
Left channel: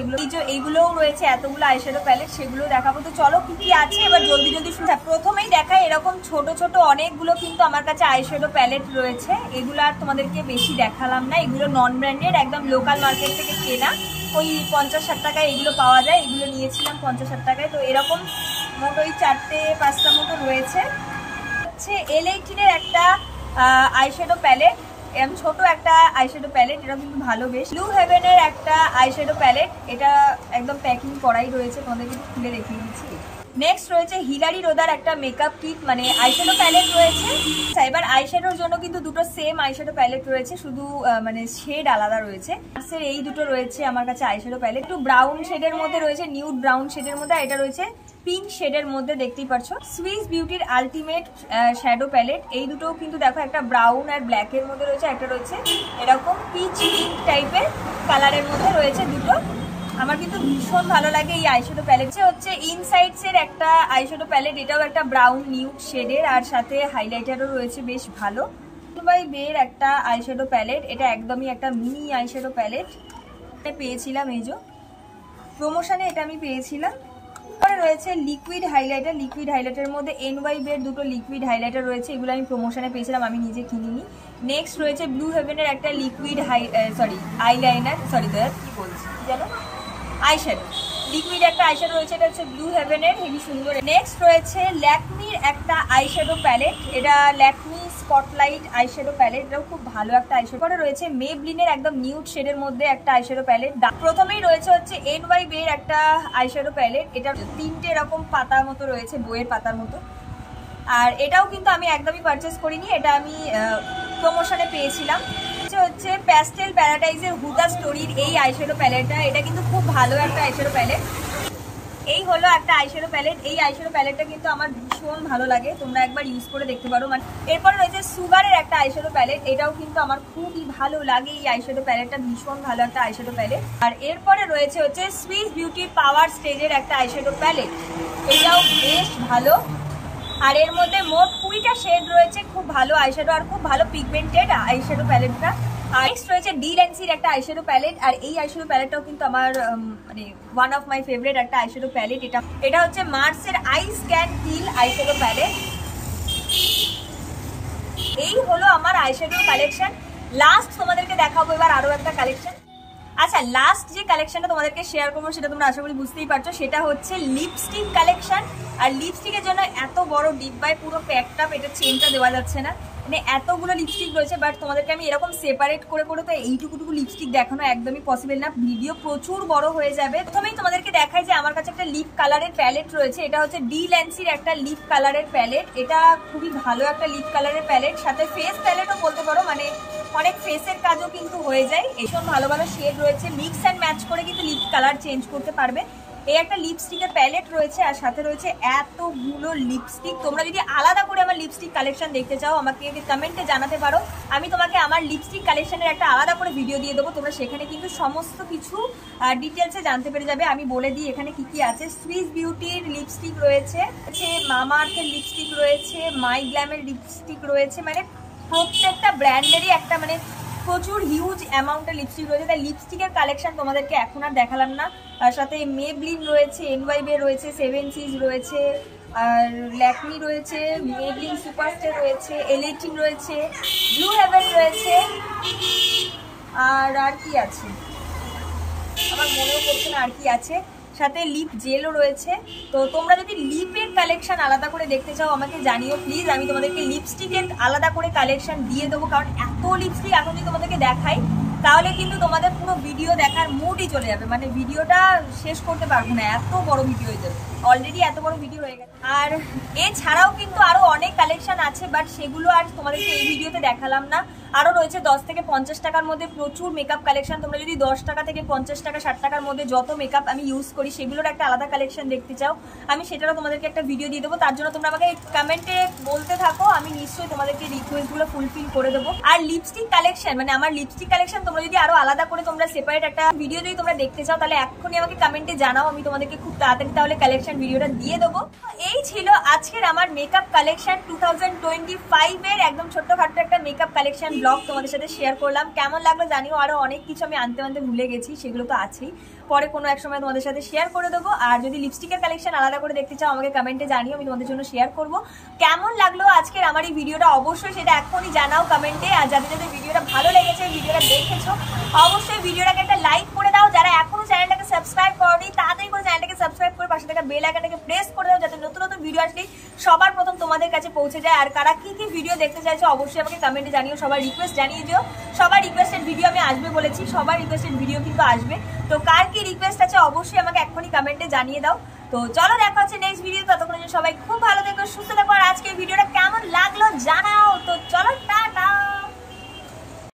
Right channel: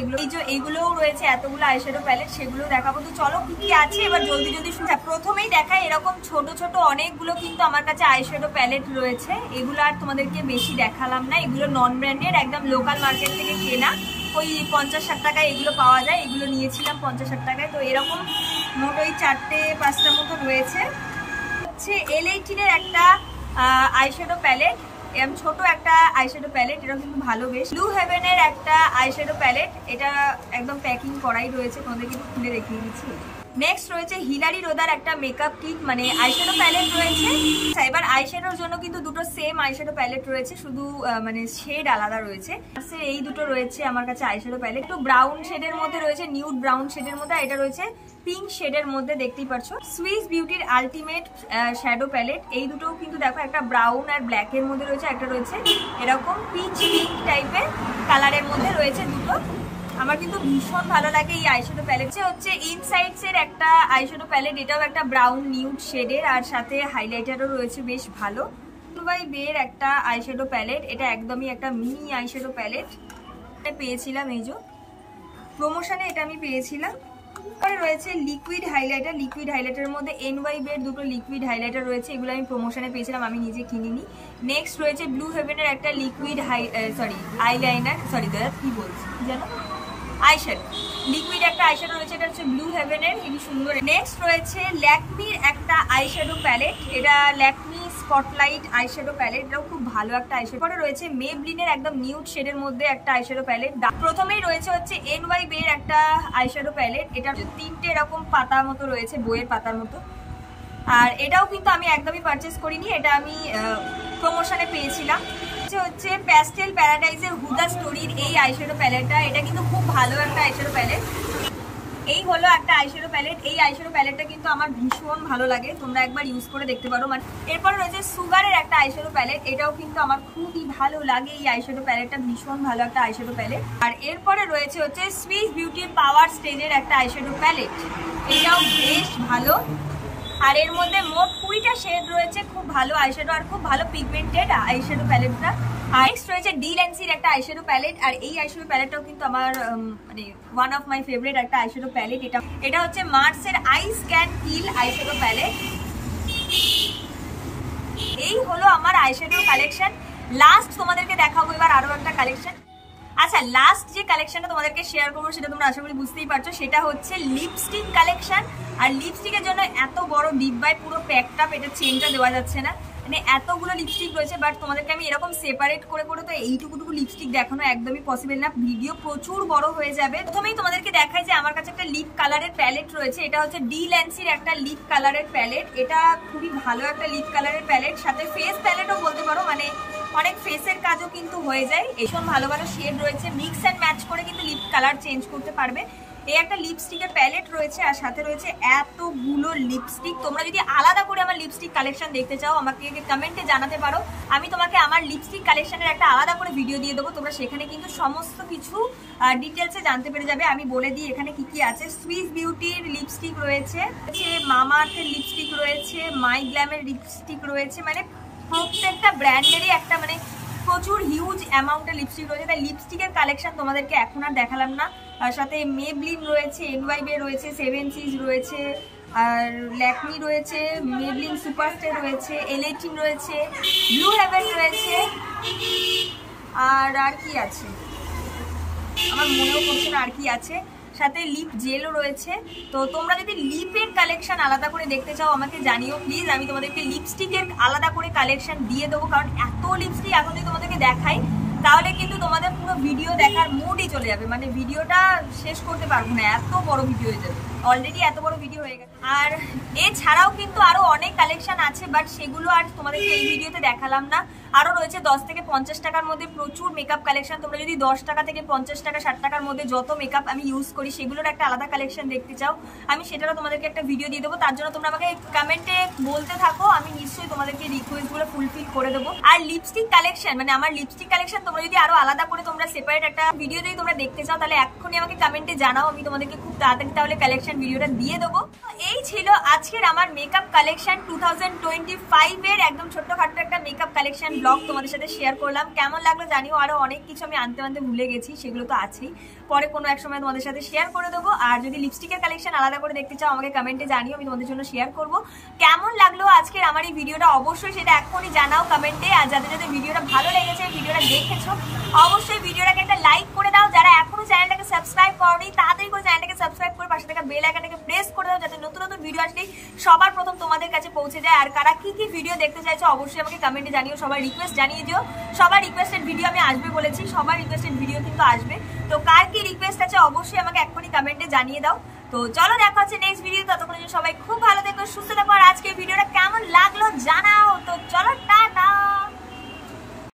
এইগুলোও রয়েছে এতগুলো আইশ্যাডো প্যালেট, সেগুলো দেখাবো। তো চলো কি কি আছে এবার জলদি জলদি শুনে। প্রথমেই দেখাই, এরকম ছোট ছোট অনেকগুলো কিন্তু আমার কাছে আইশ্যাডো প্যালেট রয়েছে, এগুলো আর তোমাদেরকে বেশি দেখালাম না। এগুলো নন ব্র্যান্ডেড, একদম লোকাল মার্কেট থেকে কেনা, ওই 50-60 টাকায় এগুলো পাওয়া যায়, এগুলো নিয়েছিলাম 50-60 টাকায়। তো এরকম মোট ওই 4-5টা মতো রয়েছে। L18 এর একটা আইশ্যাডো প্যালেট, ছোট একটা আইশ্যাডো প্যালেট, এটা কিন্তু ভালো বেশ। ব্লু হেভেনের একটা আইশ্যাডো প্যালেট, এটা একদম প্যাকিং করাই রয়েছে, তোমাদের কিন্তু খুলে দেখিয়ে দিচ্ছি। নেক্সট রয়েছে হিলারি রোদার একটা মেকআপ কিট, মানে আইশ্যাডো প্যালেট রয়েছে। এবার আইশ্যাডোর জন্য কিন্তু দুটো সেম আইশ্যাডো প্যালেট রয়েছে, শুধু মানে শেড আলাদা রয়েছে। এই দুটো রয়েছে আমার কাছে আইশ্যাডো প্যালেট, একটু ব্রাউন শেডের মধ্যে রয়েছে, নিউড ব্রাউন শেডের মধ্যে, এটা রয়েছে পিঙ্ক শেডের মধ্যে, দেখতেই পাচ্ছ। সুইস বিউটির আলটিমেট শ্যাডো প্যালেট, এই দুটো কিন্তু দেখো একটা ব্রাউন আর ব্ল্যাক এর মধ্যে রয়েছে, একটা রয়েছে এরকম পিচ পিঙ্ক টাইপের কালারের মধ্যে রয়েছে দুটো। আমার কিন্তু ভীষণ ভালো লাগে এই আইশ্যাডো প্যালেট। হচ্ছে ইনসাইডস এর একটা আইশ্যাডো প্যালেট, এটাও একটা ব্রাউন নিউড শেডের, আর সাথে হাইলাইটারও রয়েছে বেশ ভালো। বাই বের একটা আইশ্যাডো প্যালেট, এটা একদমই একটা মিনি আইশ্যাডো প্যালেট, পেয়েছিলাম এই যে প্রমোশনে, এটা আমি পেয়েছিলাম। তারপরে রয়েছে লিকুইড হাইলাইটার, লিকুইড হাইলাইটারের মধ্যে NY বের দুটো লিকুইড হাইলাইটার রয়েছে, এগুলো আমি প্রমোশনে পেয়েছিলাম, আমি নিজে কিনিনি। নেক্সট রয়েছে ব্লু হেভেনের একটা লিকুইড আইলাইনার, কি বলছি জানো, আইশ্যাডো, লিকুইড একটা আইশ্যাডো রয়েছে, এটা হচ্ছে ব্লু হেভেনের, হেভি সুন্দর। নেক্সট রয়েছে ল্যাকমির একটা আইশ্যাডো প্যালেট, এটা ল্যাকমি স্পটলাইট আইশ্যাডো প্যালেট, এটাও খুব ভালো একটা আইশ্যাডো। পরে রয়েছে মেবলিনের একদম নিউড শেডের মধ্যে একটা আইশ্যাডো প্যালেট। প্রথমেই রয়েছে হচ্ছে NY বের একটা আইশ্যাডো প্যালেট, এটা 3টে এরকম পাতা মতো রয়েছে, বইয়ের পাতার মতো, আর এটাও কিন্তু আমি একদমই পারচেস করিনি, এটা আমি প্রমোশনে পেয়েছিলাম। হচ্ছে প্যাস্টেল প্যারাডাইজের হুদা স্টোরির এই আইশ্যাডো প্যালেটটা, এটা কিন্তু খুব ভালো একটা আইশ্যাডো প্যালেট। এই হলো একটা আইশ্যাডো প্যালেট, এই আইশ্যাডো প্যালেটটা কিন্তু আমার ভীষণ ভালো লাগে, তোমরা একবার ইউজ করে দেখতে পারো। মানে এরপরে রয়েছে সুগারের একটা আইশ্যাডো প্যালেট, এটাও কিন্তু আমার খুবই ভালো লাগে, এই আইশ্যাডো প্যালেটটা ভীষণ ভালো একটা আইশ্যাডো প্যালেট। আর এরপরে রয়েছে হচ্ছে সুইস বিউটি পাওয়ার স্টেজের একটা আইশ্যাডো প্যালেট, এটাও বেশ ভালো, আর এর মধ্যে মোট 20টা শেড রয়েছে, খুব ভালো আইশ্যাডো আর খুব ভালো পিগমেন্টেড আইশ্যাডো প্যালেটটা। আর নেক্সট রয়েছে ডিল্যান্সির একটা আইশ্যাডো প্যালেট, আর এই আইশ্যাডো প্যালেটটাও কিন্তু আমার মানে ওয়ান অফ মাই ফেভারিট একটা আইশ্যাডো প্যালেট। এটা হচ্ছে মার্সের আইস ক্যান কিল আইশ্যাডো প্যালেট। এই হলো আমার আইশ্যাডোর কালেকশন। লাস্ট তোমাদেরকে দেখাবো এবার আরো একটা কালেকশন। আচ্ছা, লাস্ট যে কালেকশনটা তোমাদেরকে শেয়ার করবো সেটা তোমরা আশা করি বুঝতেই পারছো, সেটা হচ্ছে লিপস্টিক কালেকশন। আর লিপস্টিকের জন্য এত বড় ডিব্বায় পুরো প্যাকটা, এটা চেনটা দেওয়া যাচ্ছে না, মানে এতগুলো লিপস্টিক রয়েছে, বাট তোমাদেরকে আমি এরকম সেপারেট করে করে তো এইটুকুটুকু লিপস্টিক দেখানো একদমই পসিবল না, ভিডিও প্রচুর বড় হয়ে যাবে। প্রথমেই তোমাদেরকে দেখাই যে আমার কাছে একটা লিপ কালারের প্যালেট রয়েছে, এটা হচ্ছে ডিল্যান্সির একটা লিপ কালারের প্যালেট, এটা খুবই ভালো একটা লিপ কালারের প্যালেট, সাথে ফেস প্যালেটও বলতে পারো, মানে অনেক ফেসের কাজও কিন্তু হয়ে যায়। ভীষণ ভালো ভালো শেড রয়েছে, মিক্স অ্যান্ড ম্যাচ করে কিন্তু লিপ কালার চেঞ্জ করতে পারবে। এই একটা লিপস্টিকের প্যালেট রয়েছে আর সাথে রয়েছে এতগুলো লিপস্টিক। তোমরা যদি আলাদা করে আমার লিপস্টিক কালেকশন দেখতে চাও আমাকে কমেন্টে জানাতে পারো, আমি তোমাকে আমার লিপস্টিক কালেকশনের একটা আলাদা করে ভিডিও দিয়ে দেবো। তোমরা সেখানে কিন্তু সমস্ত কিছু ডিটেলসে জানতে পেরে যাবে। আমি বলে দিই এখানে কি কি আছে। সুইস বিউটির লিপস্টিক রয়েছে, মামা আর্থের লিপস্টিক রয়েছে, মাই গ্ল্যামের লিপস্টিক রয়েছে, মানে প্রত্যেকটা ব্র্যান্ডেরই একটা মানে প্রচুর হিউজ অ্যামাউন্টের লিপস্টিক রয়েছে। তাই লিপস্টিকের কালেকশন তোমাদেরকে এখন আর দেখালাম না। তার সাথে মেবলিন রয়েছে, এনওয়াইবে রয়েছে, 7 সিজ রয়েছে, আর ল্যাকমি রয়েছে, মেবলিন সুপারস্টার রয়েছে, এল18 রয়েছে, ব্লু হেভেন রয়েছে, আর কি আছে আমার মনেও পড়ছে না আর কি আছে। সাথে লিপ জেলও রয়েছে। তো তোমরা যদি লিপের কালেকশন আলাদা করে দেখতে চাও আমাকে জানিও প্লিজ, আমি তোমাদেরকে লিপস্টিকের আলাদা করে কালেকশন দিয়ে দেবো। কারণ এত লিপস্টিক এখন যদি তোমাদেরকে দেখাই তাহলে কিন্তু তোমাদের পুরো ভিডিও দেখার মুডই চলে যাবে, মানে ভিডিওটা শেষ করতে পারবো না, এত বড় ভিডিও হয়ে যাবে। অলরেডি এত বড় ভিডিও হয়ে গেছে। আর এছাড়াও কিন্তু আরো অনেক কালেকশন আছে, বাট সেগুলো আর তোমাদেরকে এই ভিডিওতে দেখালাম না। আরো রয়েছে 10 থেকে 50 টাকার মধ্যে প্রচুর মেকআপ কালেকশন। তোমরা যদি 10 টাকা থেকে 50 টাকা 60 টাকার মধ্যে যত মেকআপ আমি ইউজ করি সেগুলোর একটা আলাদা কালেকশন দেখতে চাও, আমি সেটারও তোমাদেরকে একটা ভিডিও দিয়ে দেবো। তার জন্য তোমরা আমাকে কমেন্টে বলতে থাকো, আমি নিশ্চয়ই তোমাদেরকে রিকোয়েস্টগুলো ফুলফিল করে দেবো। আর লিপস্টিক কালেকশন মানে আমার লিপস্টিক কালেকশন তোমরা যদি আরো আলাদা করে তোমরা সেপারেট একটা ভিডিও যদি তোমরা দেখতে চাও তাহলে এখনই আমাকে কমেন্টে জানাও, আমি তোমাদেরকে খুব তাড়াতাড়ি তাহলে কালেকশন ভিডিওটা দিয়ে দেবো। এই ছিল আজকের আমার মেকআপ কালেকশন 2025 এর একদম ছোট্টখাট্ট একটা মেকআপ কালেকশন ব্লগ তোমাদের সাথে শেয়ার করলাম। কেমন লাগলো জানিও। আরো অনেক কিছু আমি আনতে ভুলে গেছি, সেগুলো তো আছেই, পরে কোনো এক সময় তোমাদের সাথে শেয়ার করে দেবো। আর যদি লিপস্টিকের কালেকশন আলাদা করে দেখতে চাও আমাকে কমেন্টে জানিও, আমি তোমাদের জন্য শেয়ার করব। কেমন লাগলো আজকের আমার এই ভিডিওটা অবশ্যই সেটা এখনই জানাও কমেন্টে। আর যাদের যাদের ভিডিওটা ভালো লেগেছে, ভিডিওটা দেখেছো, অবশ্যই ভিডিওটাকে একটা লাইক করে দাও। যারা এখনো চ্যানেলটাকে সাবস্ক্রাইব করনি তাড়াতাড়ি করে চ্যানেলটাকে সাবস্ক্রাইব করে পাশে থাকা বেল আইকনটাকে প্রেস করে দাও, যাতে নতুন নতুন ভিডিও আসলে সবার প্রথম তোমাদের কাছে পৌঁছে যায়। আর কারা কি কি ভিডিও দেখতে চাইছো অবশ্যই আমাকে কমেন্টে জানিও, সবার রিকোয়েস্ট জানিয়ে দিও। সবার রিকোয়েস্টেড ভিডিও আমি আসবে বলেছি, সবার রিকোয়েস্টেড ভিডিও কিন্তু আসবে। তো কার কি রিকোয়েস্ট আছে অবশ্যই আমাকে এখনই কমেন্টে জানিয়ে দাও। তো চলো দেখা হচ্ছে নেক্সট ভিডিও, ততক্ষণ সবাই খুব ভালো থেকো, সুস্থ থাকো। আর আজকের ভিডিওটা কেমন লাগলো জানাও। তো চলো।